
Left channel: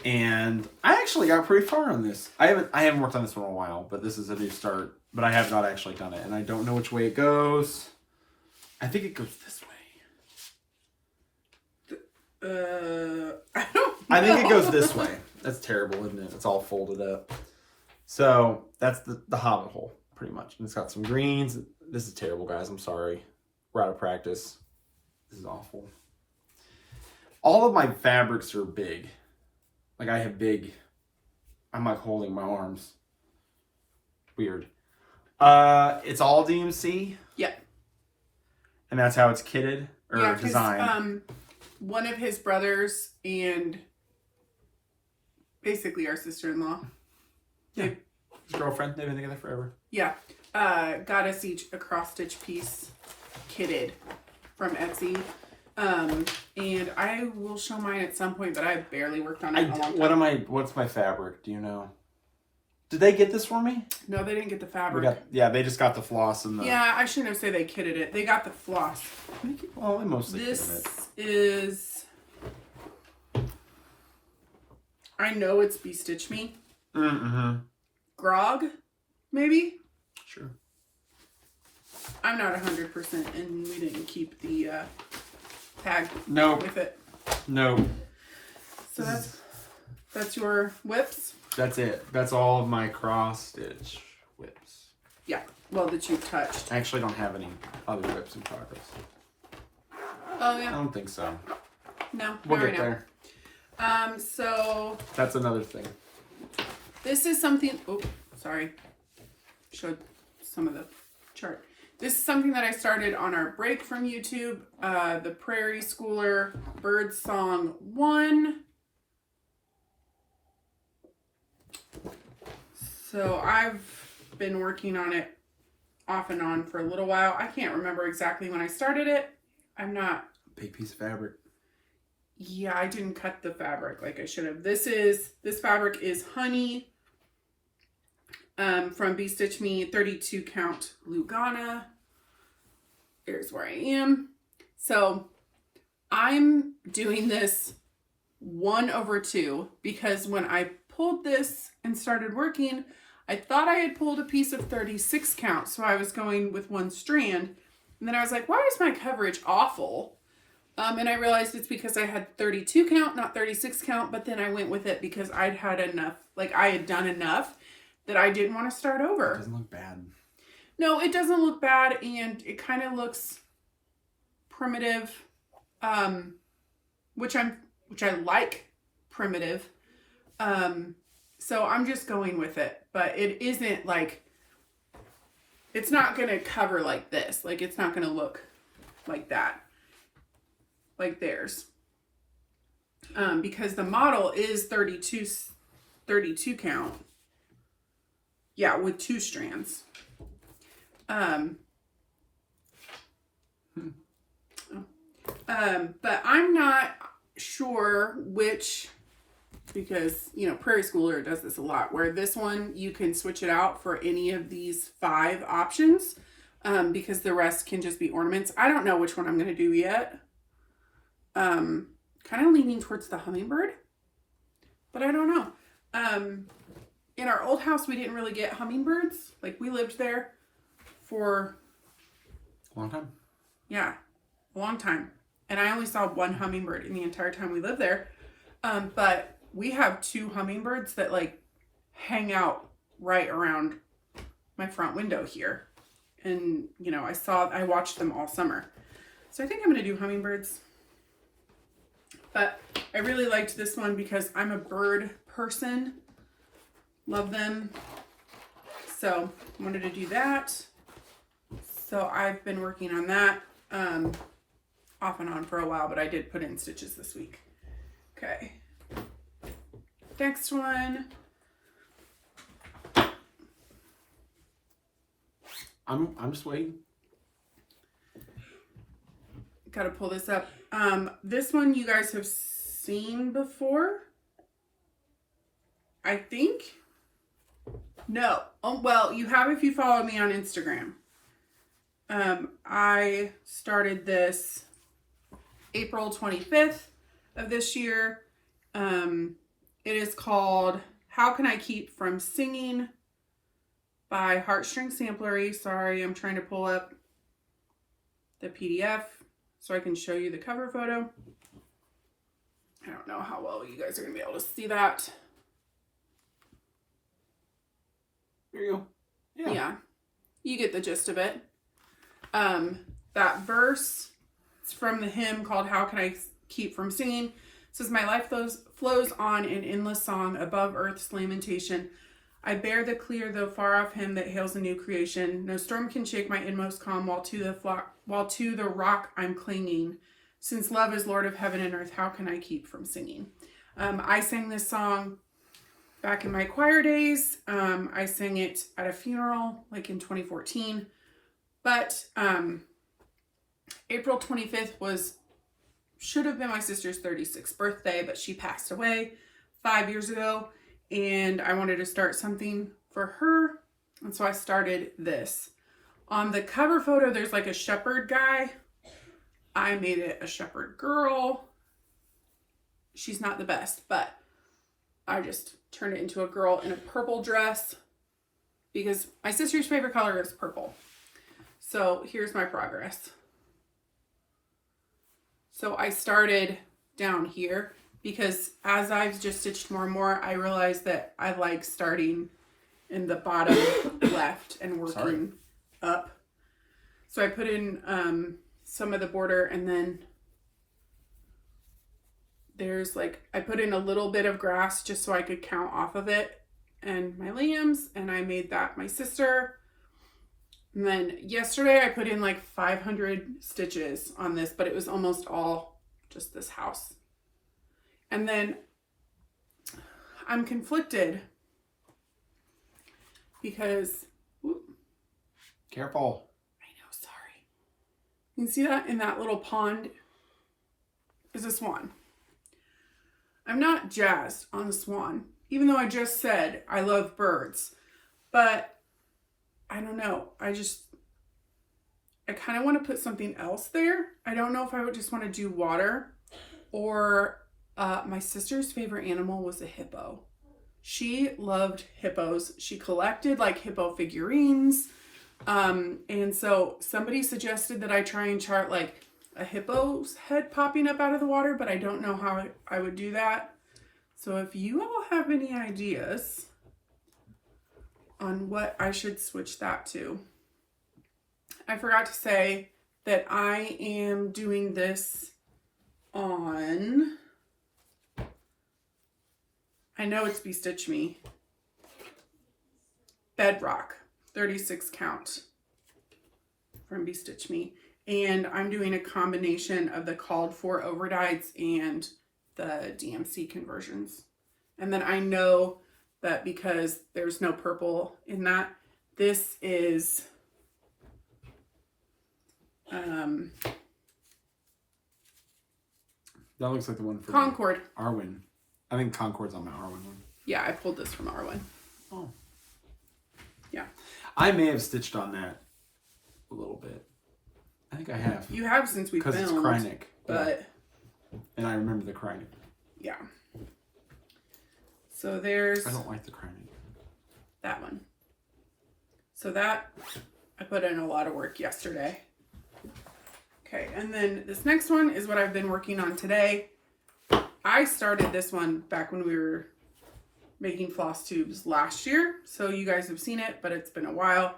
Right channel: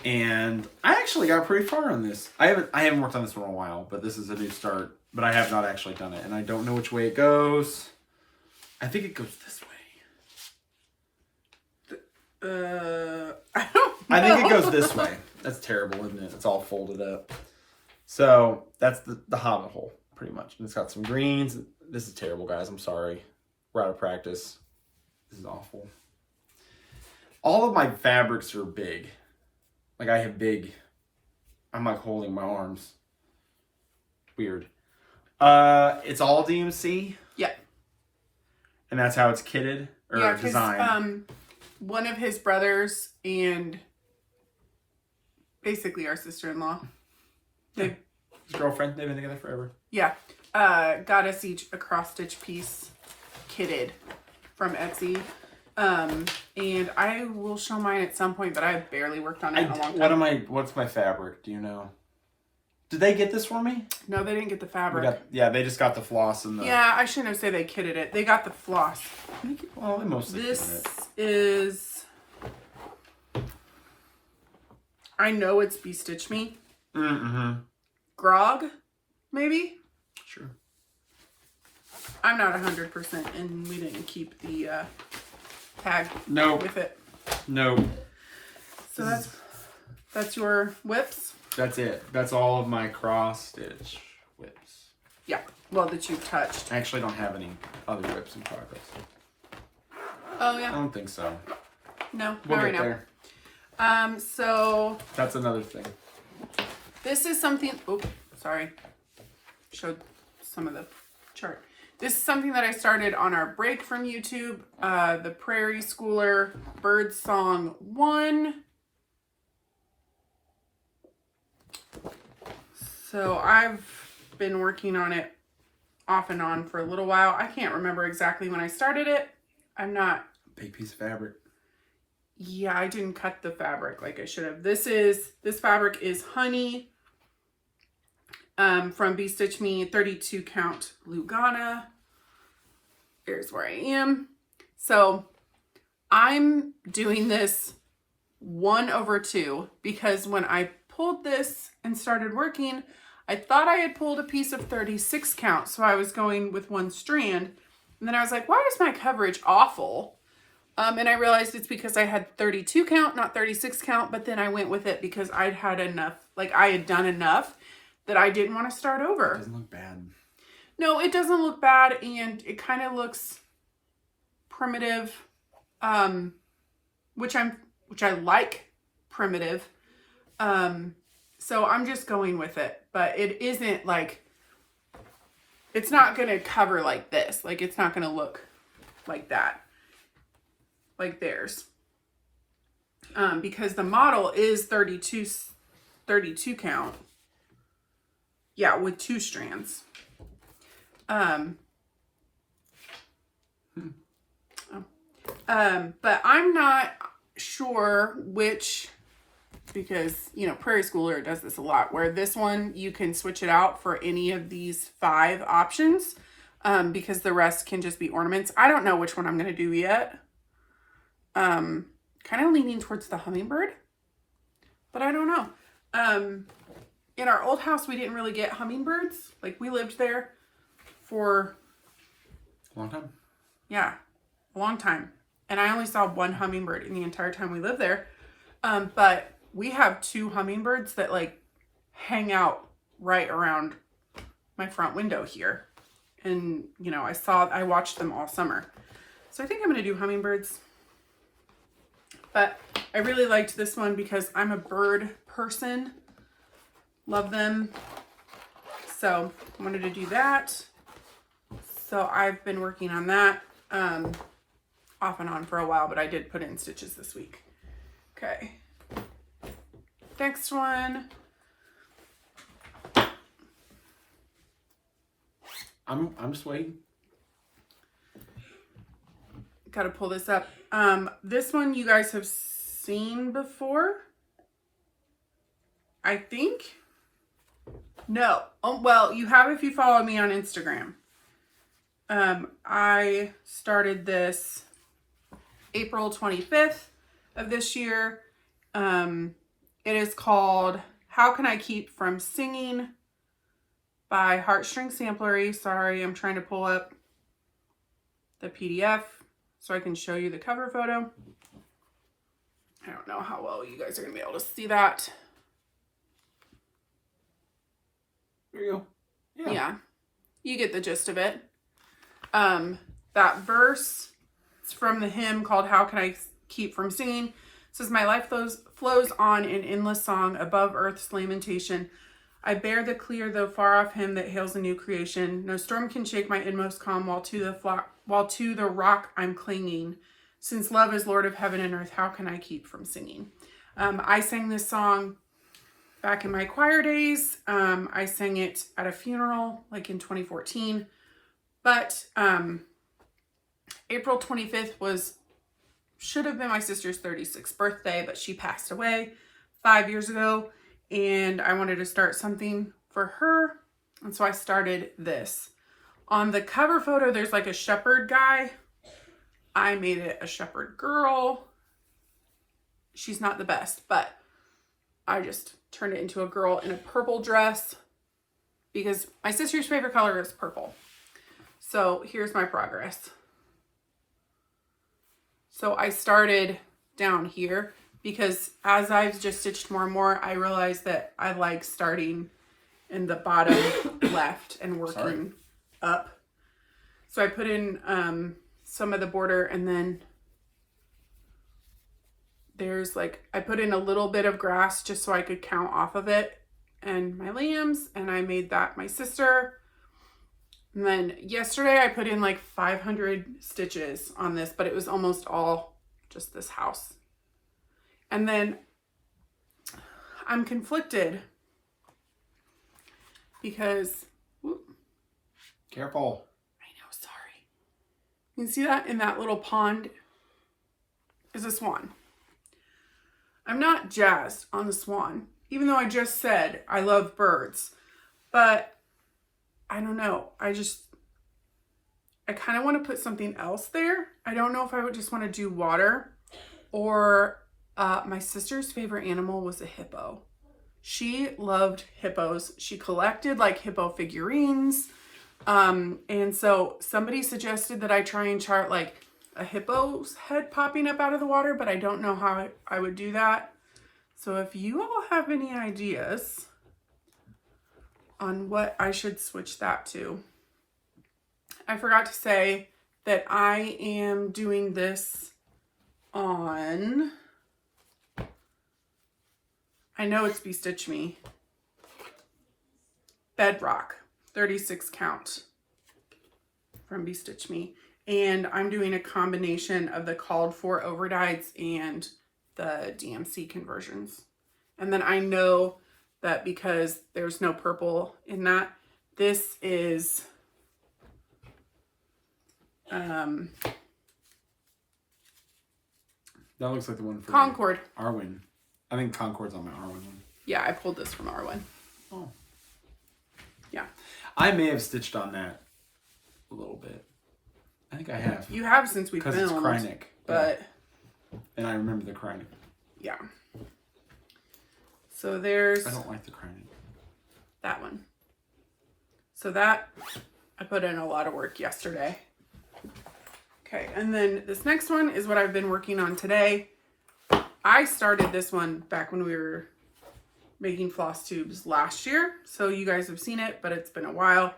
And I actually got pretty far on this. I haven't worked on this for a while, but this is a new start. But I have not actually done it, and I don't know which way it goes. I think it goes this way. I don't know. I think it goes this way. That's terrible, isn't it? It's all folded up. So that's the hobbit hole, pretty much. And it's got some greens. This is terrible, guys. I'm sorry. We're out of practice. This is awful. All of my fabrics are big. Like I have big. I'm like holding my arms. Weird. It's all DMC. Yeah. And that's how it's kitted or designed. One of his brothers and basically our sister-in-law. His girlfriend. They've been together forever. Yeah. Got us each a cross-stitch piece kitted from Etsy. And I will show mine at some point, but I barely worked on it in a long time. What's my fabric? Do you know? Did they get this for me? No, they didn't get the fabric. They just got the floss and the... Yeah, I shouldn't have said they kitted it. They got the floss. Well, they mostly This kitted it. is... I know it's Be Stitch Me. Mm-hmm. Grog, maybe? Sure. I'm not 100% and we didn't keep the tag with it. No. So that's your whips? That's it. That's all of my cross stitch whips. Yeah. Well, that you've touched. I actually don't have any other whips in progress. Oh, yeah. I don't think so. No, We'll not get right there. now. So That's another thing. this is something, sorry. Showed some of the chart. This is something that I started on our break from YouTube. The Prairie Schooler Bird Song 1. So I've been working on it off and on for a little while. I can't remember exactly when I started it. I'm not... Big piece of fabric. Yeah, I didn't cut the fabric like I should have. This fabric is Honey from Be Stitch Me 32 count Lugana. Here's where I am. So I'm doing this 1/2 because when I pulled this and started working, I thought I had pulled a piece of 36 count. So I was going with one strand. And then I was like, why is my coverage awful? And I realized it's because I had 32 count, not 36 count. But then I went with it because I'd had enough, like I had done enough that I didn't want to start over. It doesn't look bad. No, it doesn't look bad. And it kind of looks primitive, which I like primitive. So I'm just going with it. But it isn't like, it's not going to cover like this. Like it's not going to look like that. Like theirs. Because the model is 32 count. Yeah, with 2 strands. But I'm not sure which because, you know, Prairie Schooler does this a lot, where this one, you can switch it out for any of these 5 options, because the rest can just be ornaments. I don't know which one I'm going to do yet. Kind of leaning towards the hummingbird, but I don't know. In our old house, we didn't really get hummingbirds. Like, we lived there for A long time. Yeah, a long time. And I only saw 1 hummingbird in the entire time we lived there. But we have 2 hummingbirds that like hang out right around my front window here. And, you know, I watched them all summer. So I think I'm going to do hummingbirds. But I really liked this one because I'm a bird person. Love them. So I wanted to do that. So I've been working on that off and on for a while, but I did put in stitches this week. Okay. Next one. I'm just waiting. Got to pull this up. This one you guys have seen before, I think. No. Oh, well, you have if you follow me on Instagram. I started this April 25th of this year. It is called How Can I Keep From Singing by Heartstring Samplery. Sorry, I'm trying to pull up the PDF so I can show you the cover photo. I don't know how well you guys are going to be able to see that. There you go. Yeah, you get the gist of it. That verse, it's from the hymn called How Can I Keep From Singing. It says, my life flows on in endless song above earth's lamentation. I bear the clear, though far off hymn that hails a new creation. No storm can shake my inmost calm while to the rock I'm clinging. Since love is Lord of heaven and earth, how can I keep from singing? I sang this song back in my choir days. I sang it at a funeral like in 2014. But April 25th should have been my sister's 36th birthday, but she passed away 5 years ago, and I wanted to start something for her, and so I started this. On the cover photo, there's like a shepherd guy. I made it a shepherd girl. She's not the best, but I just turned it into a girl in a purple dress because my sister's favorite color is purple. So here's my progress. So I started down here because as I've just stitched more and more, I realized that I like starting in the bottom left and working up. So I put in some of the border, and then there's like, I put in a little bit of grass just so I could count off of it and my lambs, and I made that my sister. And then yesterday I put in like 500 stitches on this, but it was almost all just this house. And then I'm conflicted because, Careful. I know, sorry. You can see that in that little pond is a swan. I'm not jazzed on the swan, even though I just said I love birds, but I don't know. I kind of want to put something else there. I don't know if I would just want to do water, or my sister's favorite animal was a hippo. She loved hippos. She collected like hippo figurines. And so somebody suggested that I try and chart like a hippo's head popping up out of the water, but I don't know how I would do that. So if you all have any ideas on what I should switch that to. I forgot to say that I am doing this on, I know it's Be Stitch Me, Bedrock, 36 count from Be Stitch Me. And I'm doing a combination of the called for overdyes and the DMC conversions. And then I know that because there's no purple in that, this is that looks like the one for Concord. Arwen. I think Concord's on my R1 one. Yeah, I pulled this from R1. Oh. Yeah. I may have stitched on that a little bit. I think I have. You have since we filmed. Because it's Krynic. But... Yeah. And I remember the Krynic. Yeah. So there's... I don't like the Krynic. That one. So that, I put in a lot of work yesterday. Okay, and then this next one is what I've been working on today. I started this one back when we were making floss tubes last year. So you guys have seen it, but it's been a while.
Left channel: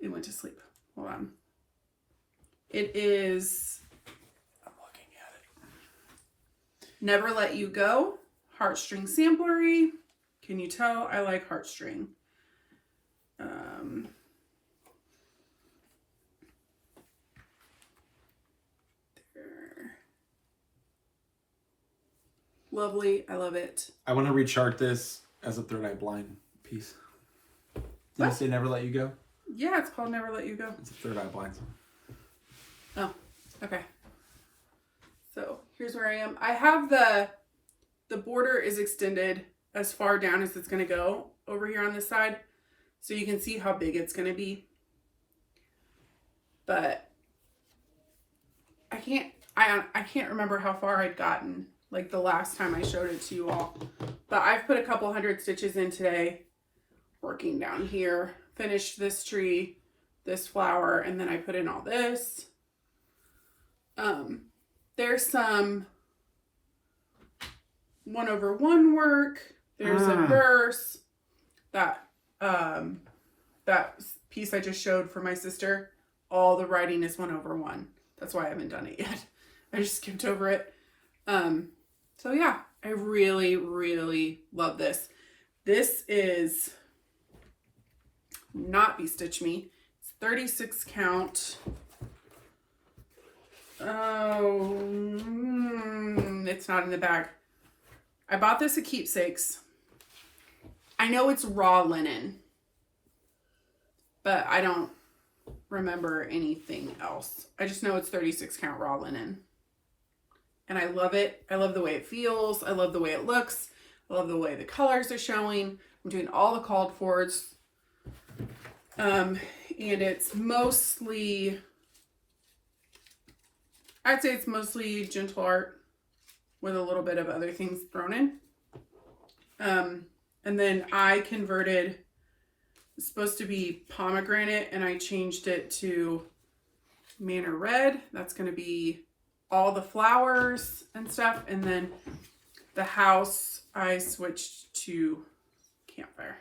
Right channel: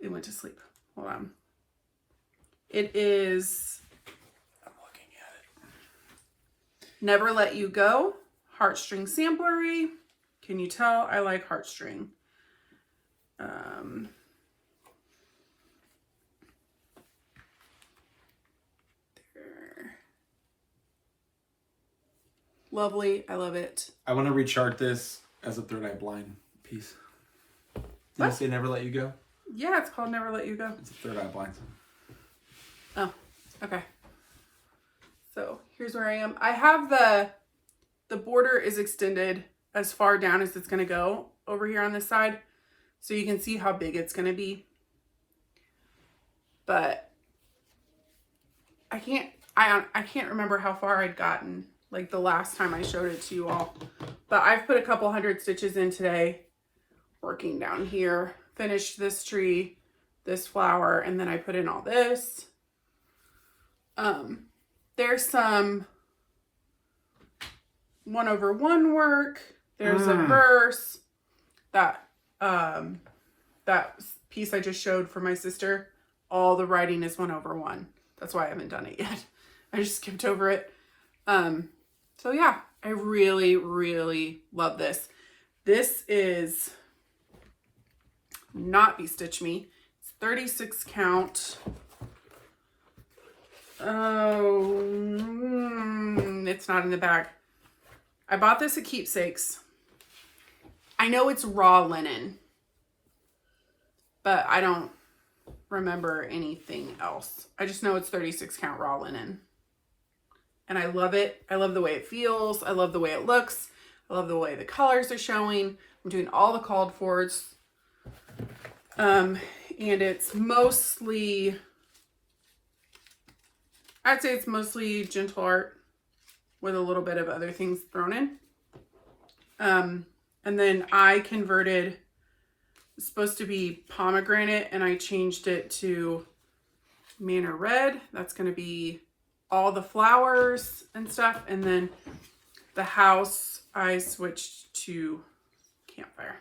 It went to sleep. Hold on. It is... I'm looking at it. Never Let You Go. Heartstring samplery. Can you tell I like heartstring? There. Lovely. I love it. I want to rechart this as a Third Eye Blind piece. Did you say Never Let You Go? Yeah, it's called Never Let You Go. It's a Third Eye Blind song. Oh, okay. So here's where I am. I have the border is extended as far down as it's going to go over here on this side. So you can see how big it's going to be. But I can't remember how far I'd gotten like the last time I showed it to you all. But I've put a couple hundred stitches in today, working down here, finished this tree, this flower, and then I put in all this. There's some 1/1 work. There's a verse. That piece I just showed for my sister, all the writing is 1/1. That's why I haven't done it yet. I just skipped over it. So yeah, I really, really love this. This is not Be Stitch Me. It's 36 count. Oh, it's not in the bag. I bought this at Keepsakes. I know it's raw linen, but I don't remember anything else. I just know it's 36 count raw linen. And I love it. I love the way it feels. I love the way it looks. I love the way the colors are showing. I'm doing all the called fors. And it's mostly, I'd say it's mostly gentle art with a little bit of other things thrown in. And then I converted, it's supposed to be pomegranate, and I changed it to Manor Red. That's going to be all the flowers and stuff. And then the house, I switched to Campfire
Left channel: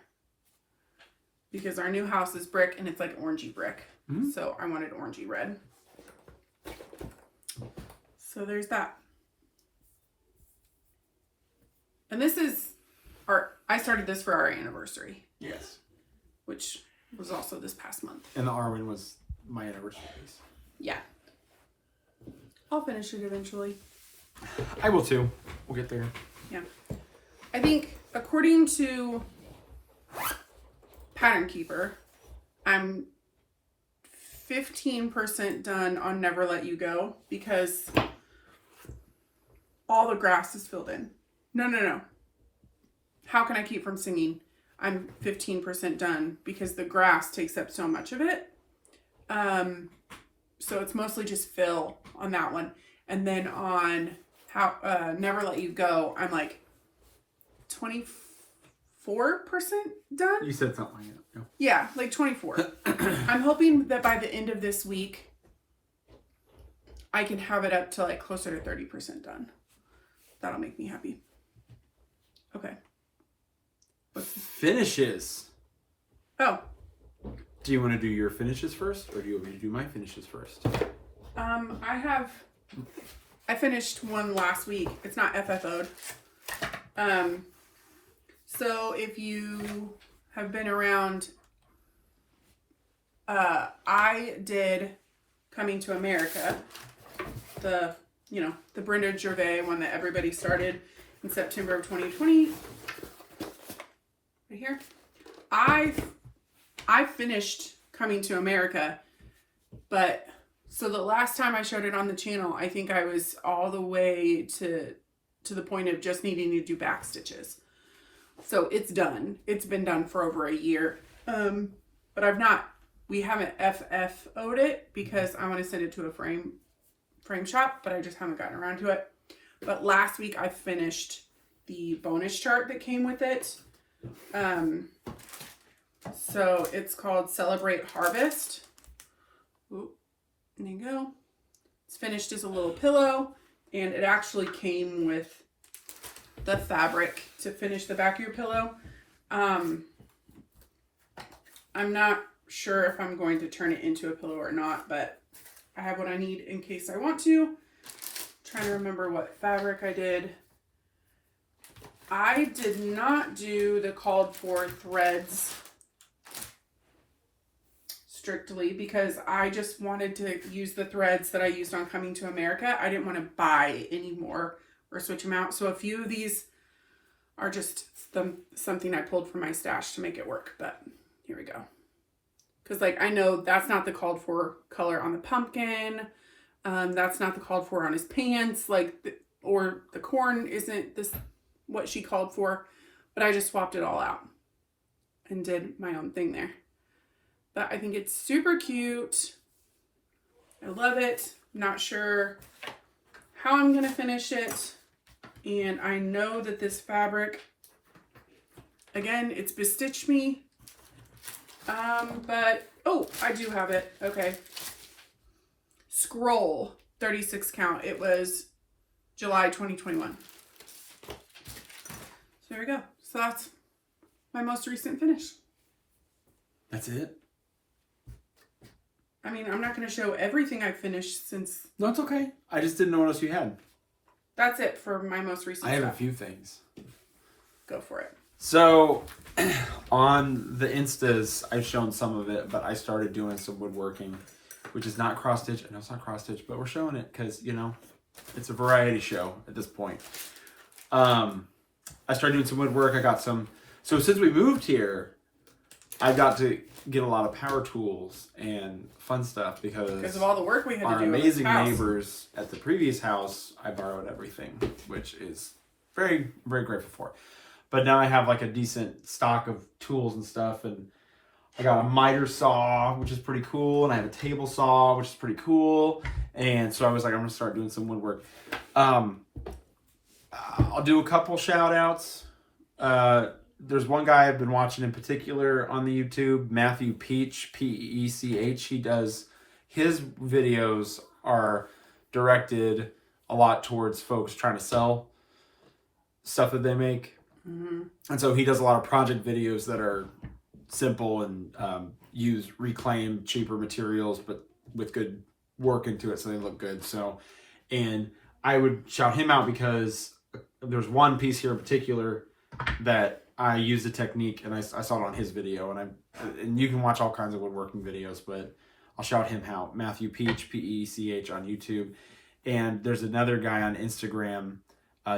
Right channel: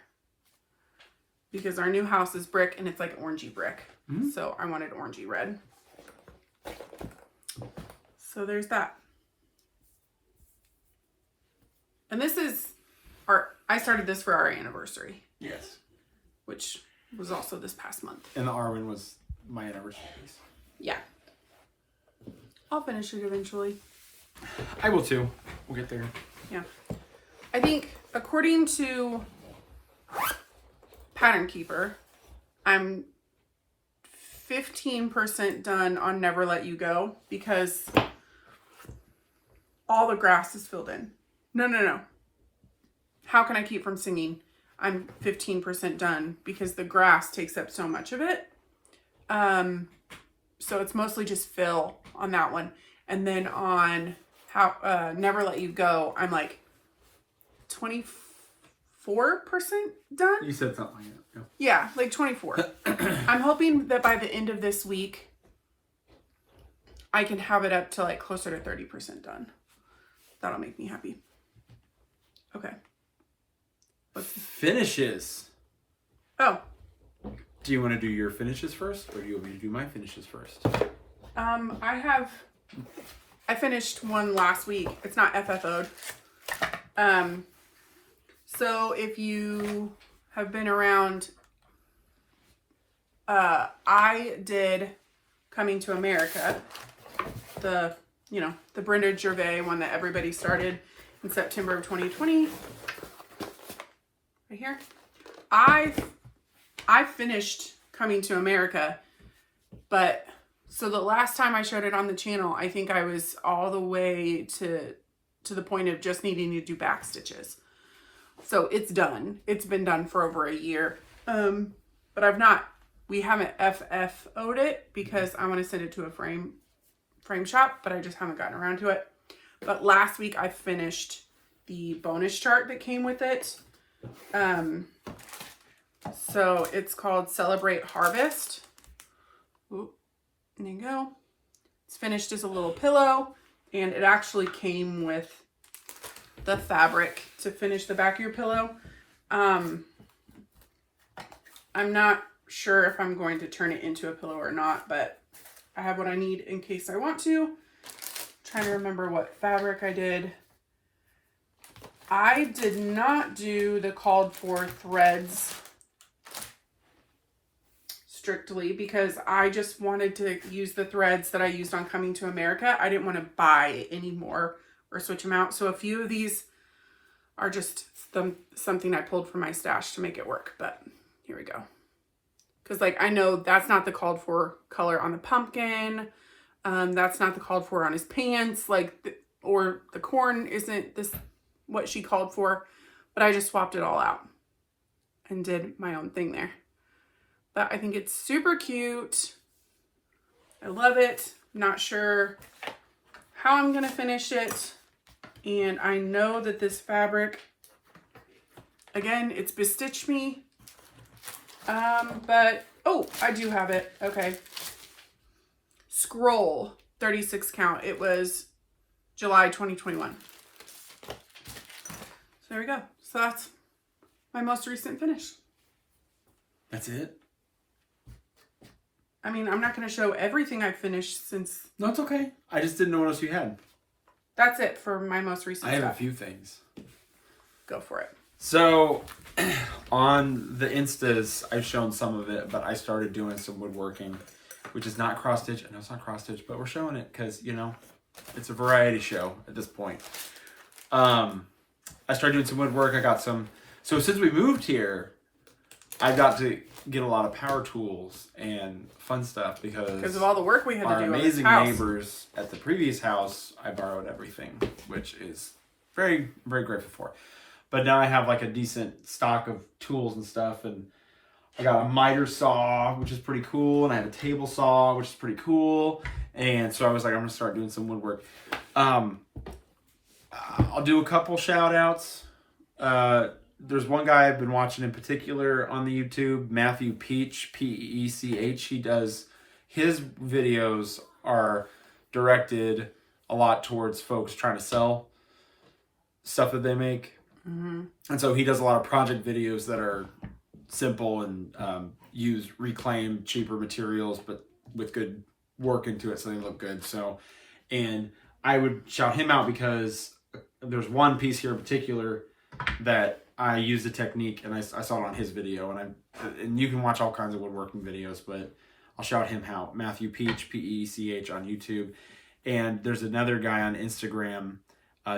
because our new house is brick and it's like orangey brick. So I wanted orangey red. So there's that. And this is I started this for our anniversary. Yes. Which was also this past month. And the Arwen was my anniversary piece. Yeah. I'll finish it eventually. I will too. We'll get there. Yeah. I think according to Pattern Keeper, I'm 15% done on Never Let You Go because all the grass is filled in. No. How can I keep from singing? I'm 15% done because the grass takes up so much of it. So it's mostly just fill on that one. And then on Never Let You Go, I'm like 24% done. You said something like that. Yeah, like 24. I'm hoping that by the end of this week, I can have it up to like closer to 30% done. That'll make me happy. Okay. Finishes. Oh. Do you want to do your finishes first, or do you want me to do my finishes first? I finished one last week. It's not FFO'd. So if you have been around, I did Coming to America, the Brenda Gervais one that everybody started in September of 2020. Right here. I finished Coming to America, but so the last time I showed it on the channel, I think I was all the way to to the point of just needing to do back stitches. So it's done. It's been done for over a year. But we haven't FFO'd it because I want to send it to a frame shop, but I just haven't gotten around to it. But last week I finished the bonus chart that came with it. So it's called Celebrate Harvest. Ooh, there you go. It's finished as a little pillow, and it actually came with the fabric to finish the back of your pillow. I'm not sure if I'm going to turn it into a pillow or not, but I have what I need in case I want to. Trying to remember what fabric I did. I did not do the called for threads strictly because I just wanted to use the threads that I used on Coming to America. I didn't want to buy any more or switch them out. So a few of these are just something I pulled from my stash to make it work. But here we go. Because like I know that's not the called for color on the pumpkin. That's not the called for on his pants. Or the corn isn't this what she called for. But I just swapped it all out and did my own thing there. But I think it's super cute. I love it. I'm not sure how I'm going to finish it. And I know that this fabric, again, it's bestitched me. But, oh, I do have it. Okay. Scroll, 36 count. It was July 2021. So there we go. So that's my most recent finish. That's it? I mean, I'm not going to show everything I've finished since... No, it's okay. I just didn't know what else you had. That's it for my most recent I have stuff. a few things. Go for it. So, on the Instas, I've shown some of it, but I started doing some woodworking, which is not cross-stitch. I know it's not cross-stitch, but we're showing it because, you know, it's a variety show at this point. I started doing some woodwork. I got some... So, since we moved here, I got to get a lot of power tools and fun stuff because of all the work we had to do. Our amazing neighbors at the previous house, I borrowed everything, which is very, very grateful for. But now I have like a decent stock of tools and stuff, and I got a miter saw, which is pretty cool, and I have a table saw, which is pretty cool. And so I was like, I'm gonna start doing some woodwork. I'll do a couple shout outs. There's one guy I've been watching in particular on the YouTube, Matthew Peach, Peech. His videos are directed a lot towards folks trying to sell stuff that they make. Mm-hmm. And so he does a lot of project videos that are simple and use reclaimed, cheaper materials, but with good work into it so they look good. So, and I would shout him out because there's one piece here in particular that I used a technique, and I saw it on his video, and you can watch all kinds of woodworking videos, but I'll shout him out. Matthew Peech, Peech on YouTube. And there's another guy on Instagram,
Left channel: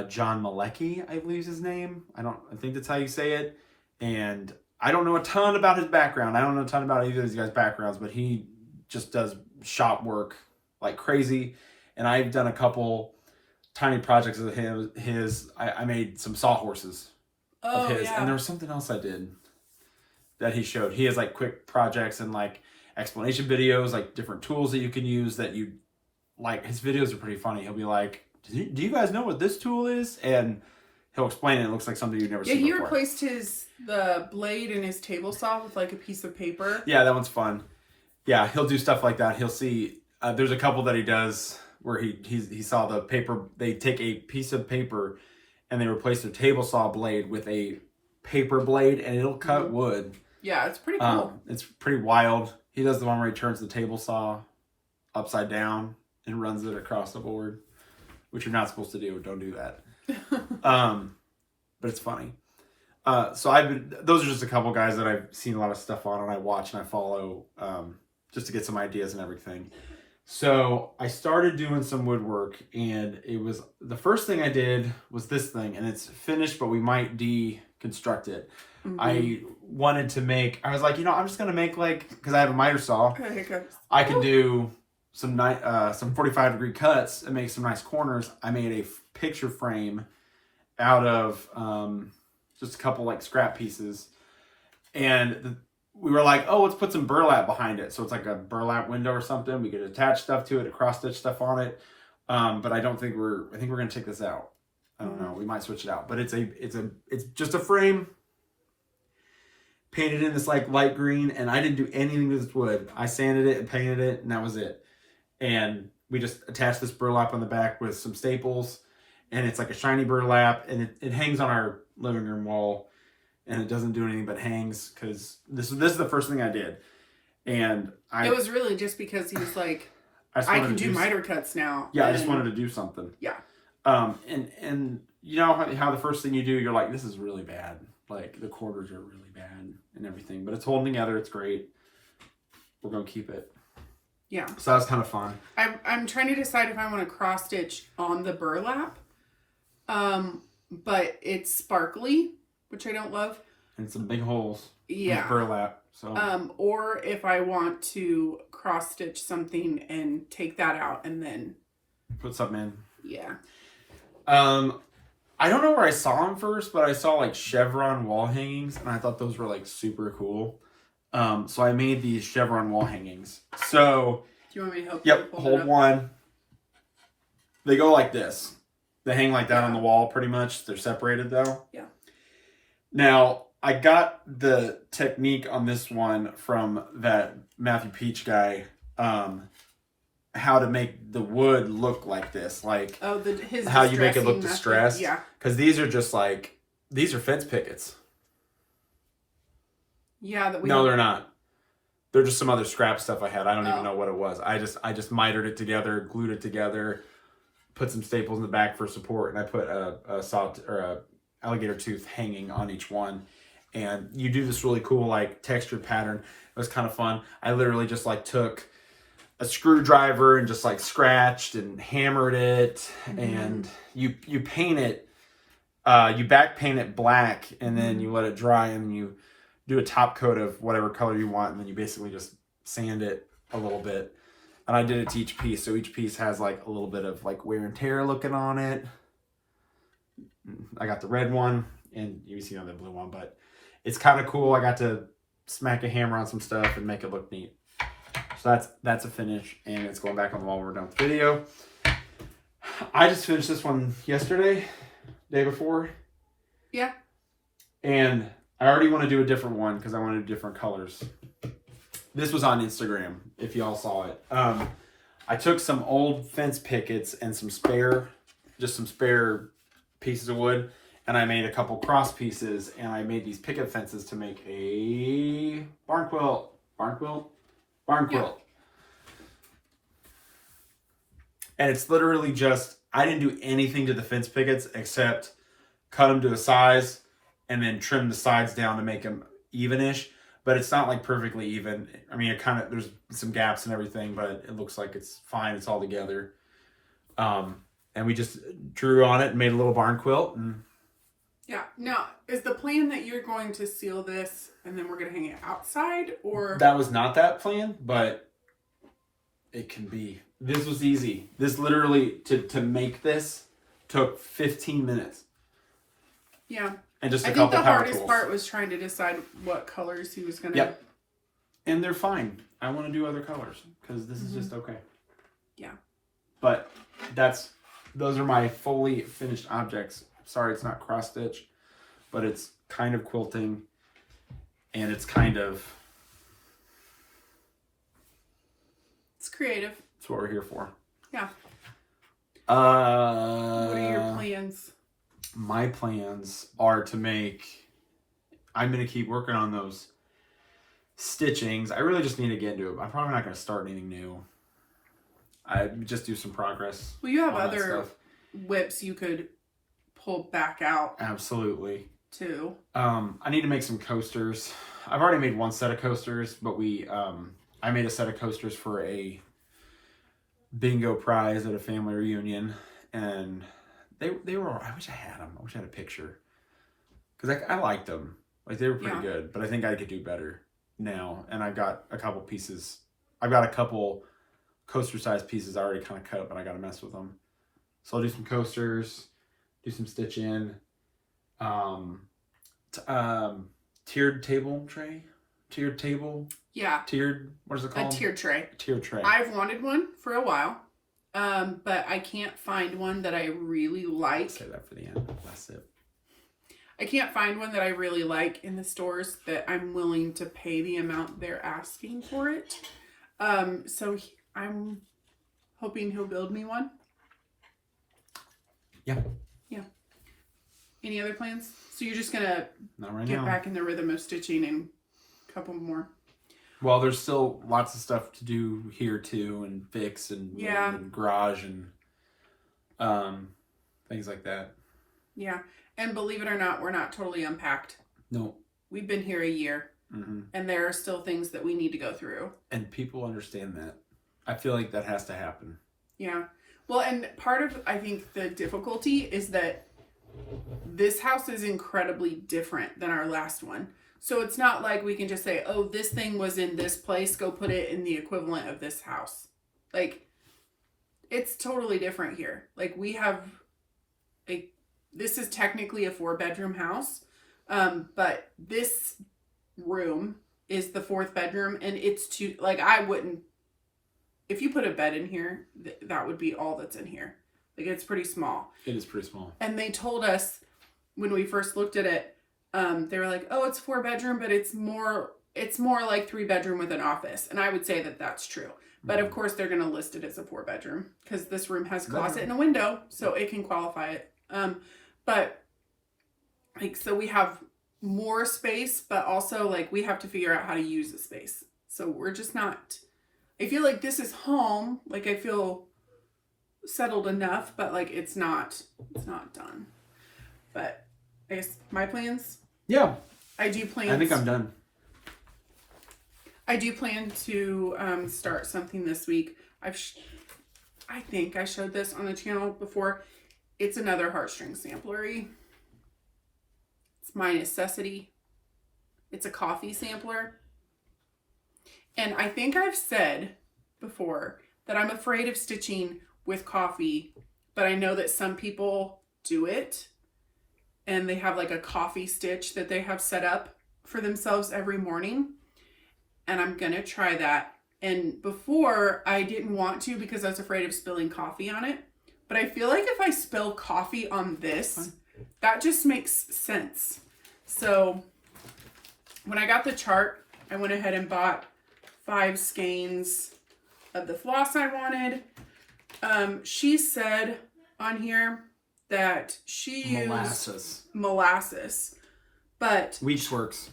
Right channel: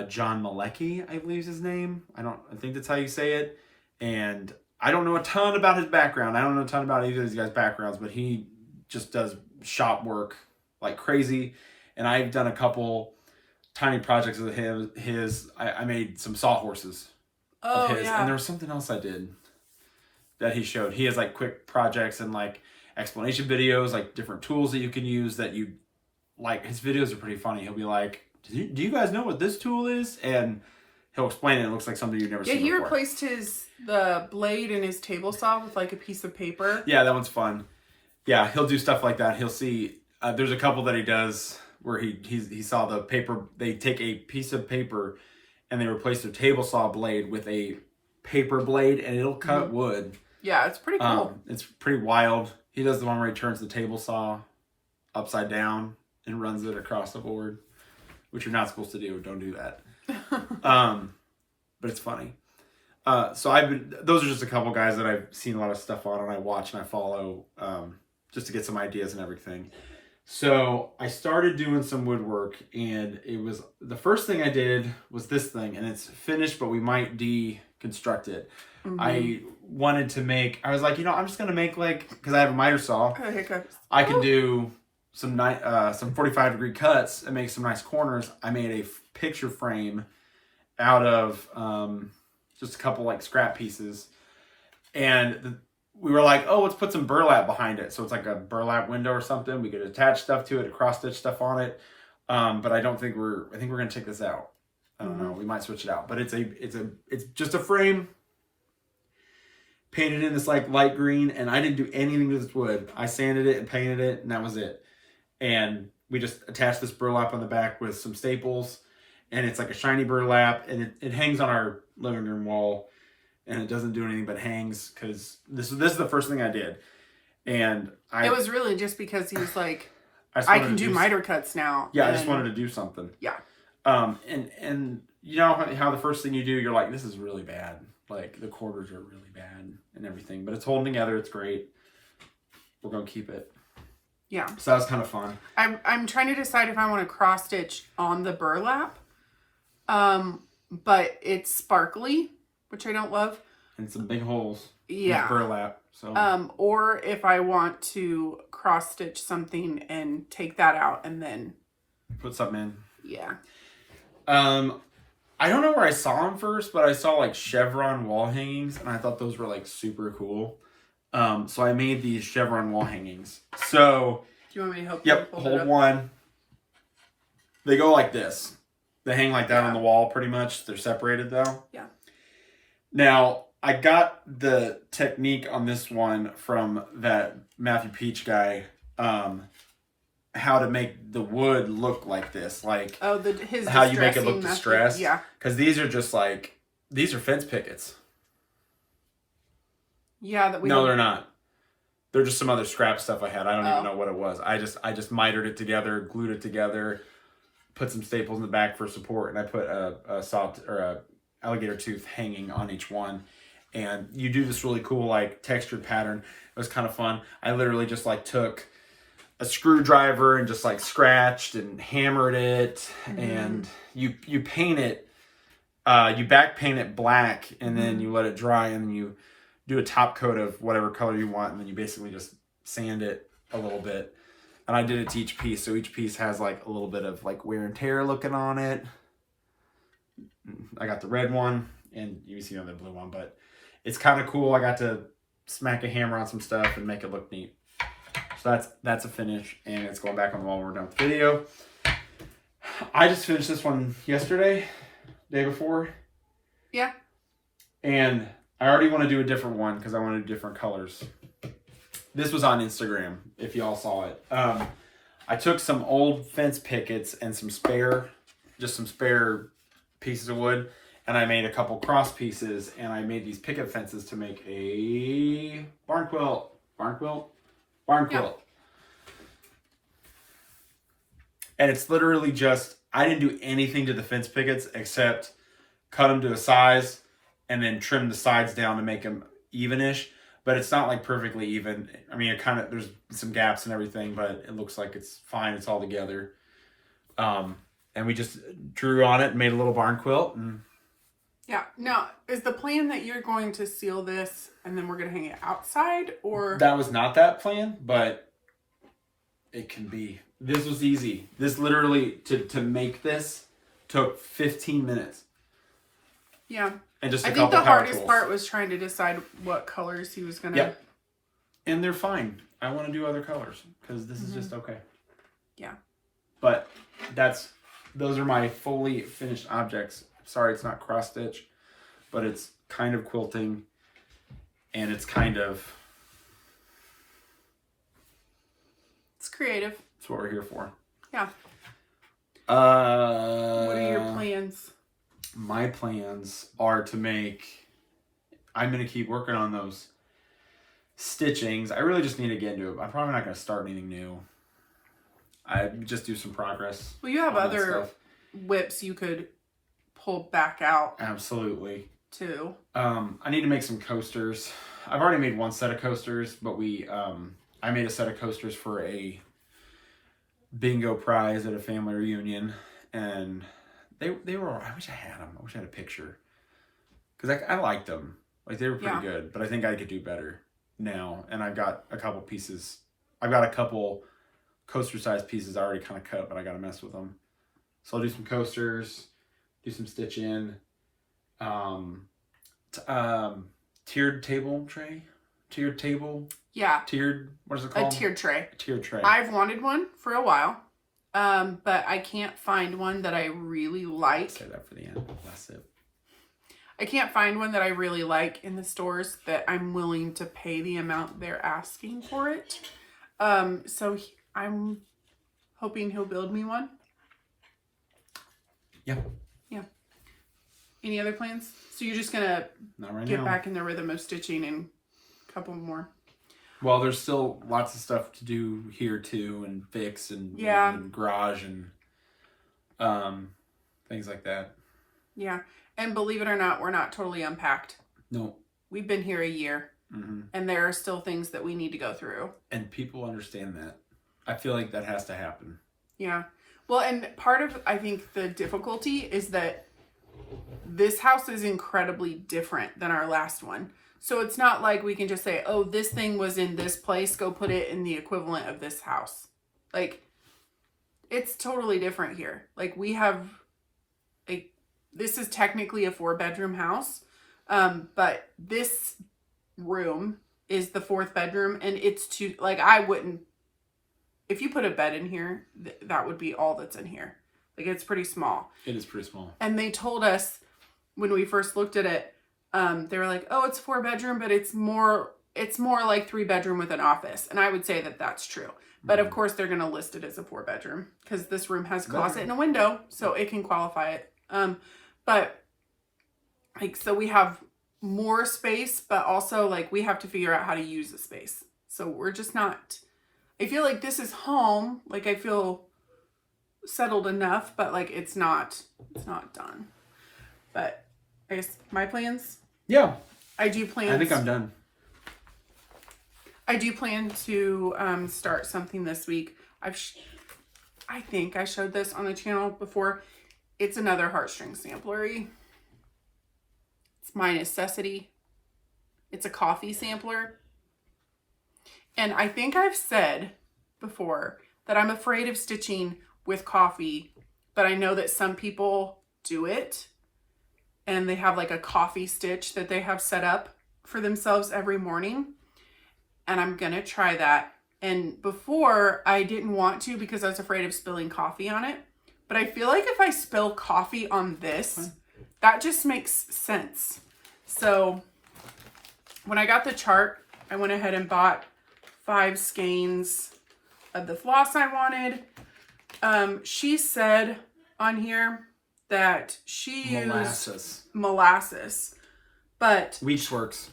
John Malecki, I believe is his name. I think that's how you say it. And I don't know a ton about his background. I don't know a ton about either of these guys' backgrounds, but he just does shop work like crazy. And I've done a couple tiny projects with his. I made some sawhorses of his. Yeah. And there was something else I did that he showed. He has like quick projects and like explanation videos, like different tools that you can use that you like. His videos are pretty funny. He'll be like, do you guys know what this tool is? And he'll explain it. It looks like something you've never seen before. Yeah, he replaced the blade in his table saw with like a piece of paper. Yeah, that one's fun. Yeah, he'll do stuff like that. He'll see, there's a couple that he does where he saw the paper. They take a piece of paper and they replace the table saw blade with a paper blade, and it'll cut wood. Yeah, it's pretty cool. It's pretty wild. He does the one where he turns the table saw upside down and runs it across the board, which you're not supposed to do. Don't do that. But it's funny. So those are just a couple guys that I've seen a lot of stuff on, and I watch and I follow just to get some ideas and everything. So I started doing some woodwork, and the first thing I did was this thing, and it's finished, but we might deconstruct it. Mm-hmm. I wanted to I was like, I'm just going to make because I have a miter saw, I can do some 45-degree cuts and make some nice corners. I made a picture frame out of just a couple like scrap pieces. And we were like, oh, let's put some burlap behind it. So it's like a burlap window or something. We could attach stuff to it, cross stitch stuff on it. But I think we're going to take this out. I don't know. We might switch it out, but it's just a frame painted in this like light green, and I didn't do anything to this wood. I sanded it and painted it, and that was it. And we just attached this burlap on the back with some staples, and it's like a shiny burlap, and it hangs on our living room wall, and it doesn't do anything but hangs, because this is the first thing I did. And it was really just because he was like, I can do miter cuts now. Yeah, I just wanted to do something. Yeah. And you know how the first thing you do, you're like, this is really bad. Like, the quarters are really bad and everything. But it's holding together. It's great. We're going to keep it. Yeah. So that was kind of fun. I'm trying to decide if I want to cross stitch on the burlap. But it's sparkly, which I don't love. And some big holes. Yeah. With burlap. So. Or if I want to cross stitch something and take that out and then put something in. Yeah. I don't know where I saw them first, but I saw like chevron wall hangings, and I thought those were like super cool. So I made these chevron wall hangings. So do you want me to help? Yep, hold one. They go like this. They hang like that on the wall pretty much. They're separated though. Yeah. Now, I got the technique on this one from that Matthew Peach guy. How to make the wood look like this, like how you make it look distressed. Yeah, because these are just like these are fence pickets. Yeah, they're not. They're just some other scrap stuff I had. I don't even know what it was. I just mitered it together, glued it together, put some staples in the back for support, and I put a saw or a alligator tooth hanging on each one. And you do this really cool like textured pattern. It was kind of fun. I literally just like took a screwdriver and just like scratched and hammered it, and you paint it, you back paint it black, and then you let it dry, and then you do a top coat of whatever color you want, and then you basically just sand it a little bit. And I did it to each piece, so each piece has like a little bit of like wear and tear looking on it. I got the red one, and you see on the blue one, but it's kind of cool. I got to smack a hammer on some stuff and make it look neat. So that's a finish, and it's going back on the wall when we're done with the video. I just finished this one yesterday, day before. Yeah. And I already want to do a different one because I want to do different colors. This was on Instagram, if y'all saw it. I took some old fence pickets and some spare pieces of wood, and I made a couple cross pieces, and I made these picket fences to make a barn quilt. Barn quilt. And it's literally just, I didn't do anything to the fence pickets except cut them to a size and then trim the sides down to make them evenish. But it's not like perfectly even. I mean, there's some gaps and everything, but it looks like it's fine. It's all together. And we just drew on it and made a little barn quilt. And yeah. Now, is the plan that you're going to seal this and then we're going to hang it outside, or? That was not that plan, but it can be. This was easy. This literally, to make this, took 15 minutes. Yeah. And just I think the hardest part was trying to decide what colors he was going to. Yep. And they're fine. I want to do other colors because this is just okay. Yeah. But those are my fully finished objects. Sorry, it's not cross stitch, but it's kind of quilting, and it's kind of. It's creative. That's what we're here for. Yeah. What are your plans? My plans are to make. I'm gonna keep working on those stitchings. I really just need to get into it. I'm probably not gonna start anything new. I just do some progress. Well, you have other whips you could pull back out. Absolutely. Too. I need to make some coasters. I've already made one set of coasters, but I made a set of coasters for a bingo prize at a family reunion, and they were. I wish I had them. I wish I had a picture, because I liked them. Like, they were pretty good, but I think I could do better now. And I've got a couple pieces. I've got a couple coaster-sized pieces I already kind of cut, but I got to mess with them. So I'll do some coasters, do some stitching, Tiered table tray, tiered table, Yeah, what is it a called? tiered tray. Tiered tray. I've wanted one for a while, but I can't find one that I really like. Say that for the end. Last sip. I can't find one that I really like in the stores that I'm willing to pay the amount they're asking for it. So I'm hoping he'll build me one. Yeah. Yeah. Any other plans? So you're just gonna Not right get now. back in the rhythm of stitching and a couple more. Well, there's still lots of stuff to do here too, and fix and Yeah. and garage and things like that. Yeah. And believe it or not, we're not totally unpacked. No. We've been here a year, Mm-hmm. and there are still things that we need to go through. And people understand that. I feel like that has to happen. Yeah. Well, and part of, I think, the difficulty is that this house is incredibly different than our last one. So it's not like we can just say, oh, this thing was in this place, go put it in the equivalent of this house. Like, it's totally different here. Like, we have, like, this is technically a 4-bedroom house, but this room is the 4th bedroom, and it's too, like, I wouldn't, if you put a bed in here, that would be all that's in here. Like, it's pretty small. It is pretty small. And they told us when we first looked at it, they were like, oh, it's 4-bedroom, but it's more like 3-bedroom with an office. And I would say that that's true. But of course they're going to list it as a 4-bedroom because this room has a closet and a window, so it can qualify it. But like, so we have more space, but also like we have to figure out how to use the space. So we're just not, I feel like this is home. Like, I feel settled enough, but like it's not done. But I guess my plans, Yeah. I do plan. I think I'm done. I do plan to start something this week. I think I showed this on the channel before. It's another heartstring samplery. It's my necessity. It's a coffee sampler. And I think I've said before that I'm afraid of stitching with coffee, but I know that some people do it and they have like a coffee stitch that they have set up for themselves every morning. And I'm gonna try that. And before I didn't want to because I was afraid of spilling coffee on it. But I feel like if I spill coffee on this, that just makes sense. So when I got the chart, I went ahead and bought 5 skeins of the floss I wanted. She said on here that she used molasses, but Weeks works.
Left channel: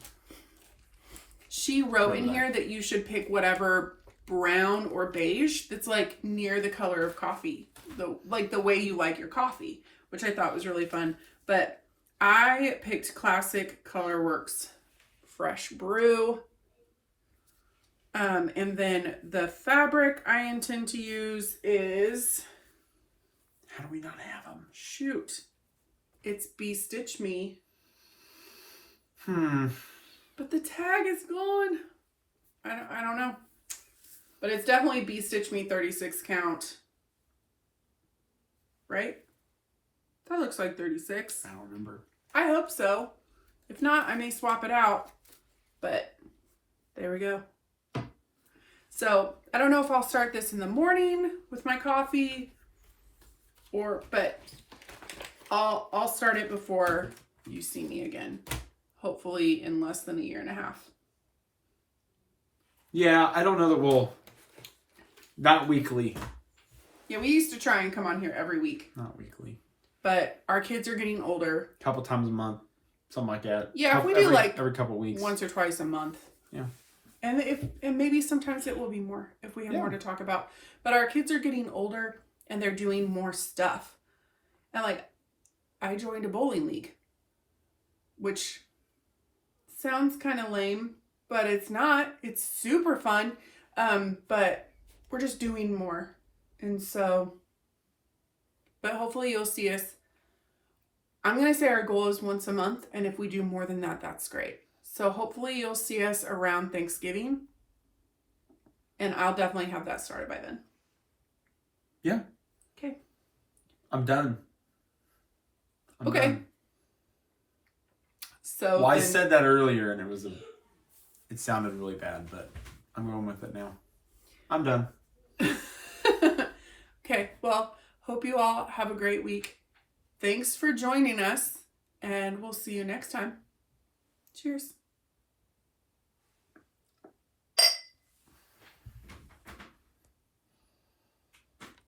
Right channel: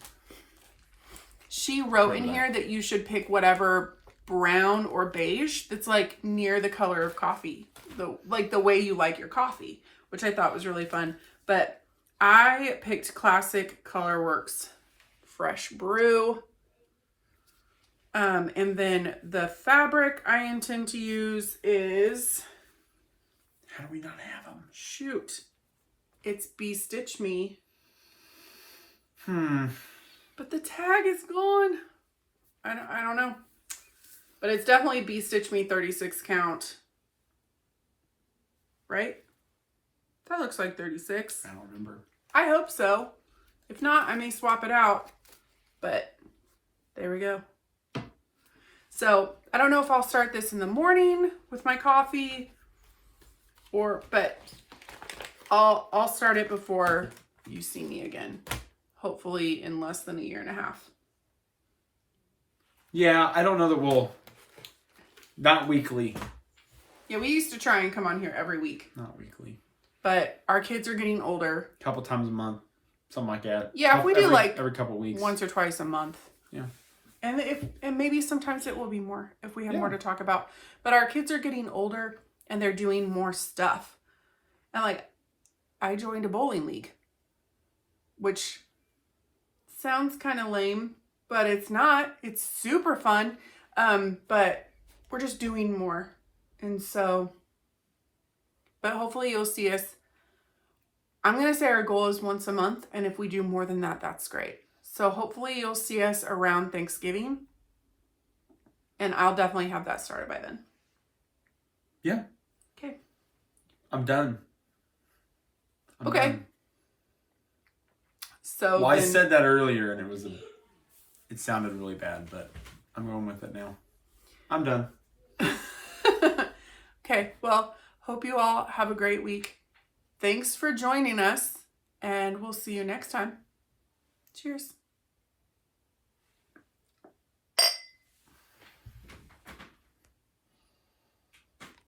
she wrote in here that you should pick whatever brown or beige that's like near the color of coffee, the way you like your coffee, which I thought was really fun. But I picked Classic Colorworks Fresh Brew. And then the fabric I intend to use is, How do we not have them? shoot, it's Bee Stitch Me. But the tag is gone. I don't know. But it's definitely Bee Stitch Me 36 count. Right? That looks like 36. I don't remember. I hope so. If not, I may swap it out. But there we go. So I don't know if I'll start this in the morning with my coffee, but I'll start it before you see me again. Hopefully in less than a year and a half. Yeah, I don't know that we'll. Not weekly. Yeah, we used to try and come on here every week. Not weekly. But our kids are getting older. A couple times a month. Something like that. Yeah, if we do like every couple weeks. once or twice a month. Yeah. And maybe sometimes it will be more if we have more to talk about. But our kids are getting older and they're doing more stuff. And like, I joined a bowling league, which sounds kind of lame, but it's not. It's super fun. But we're just doing more. And so, but hopefully you'll see us. I'm going to say our goal is once a month. And if we do more than that, that's great. So hopefully you'll see us around Thanksgiving. And I'll definitely have that started by then. Yeah. Okay. I'm done. Okay. Done. So Well, I then- said that earlier and it sounded really bad, but I'm going with it now. I'm done. Okay, well, hope you all have a great week. Thanks for joining us, and we'll see you next time. Cheers.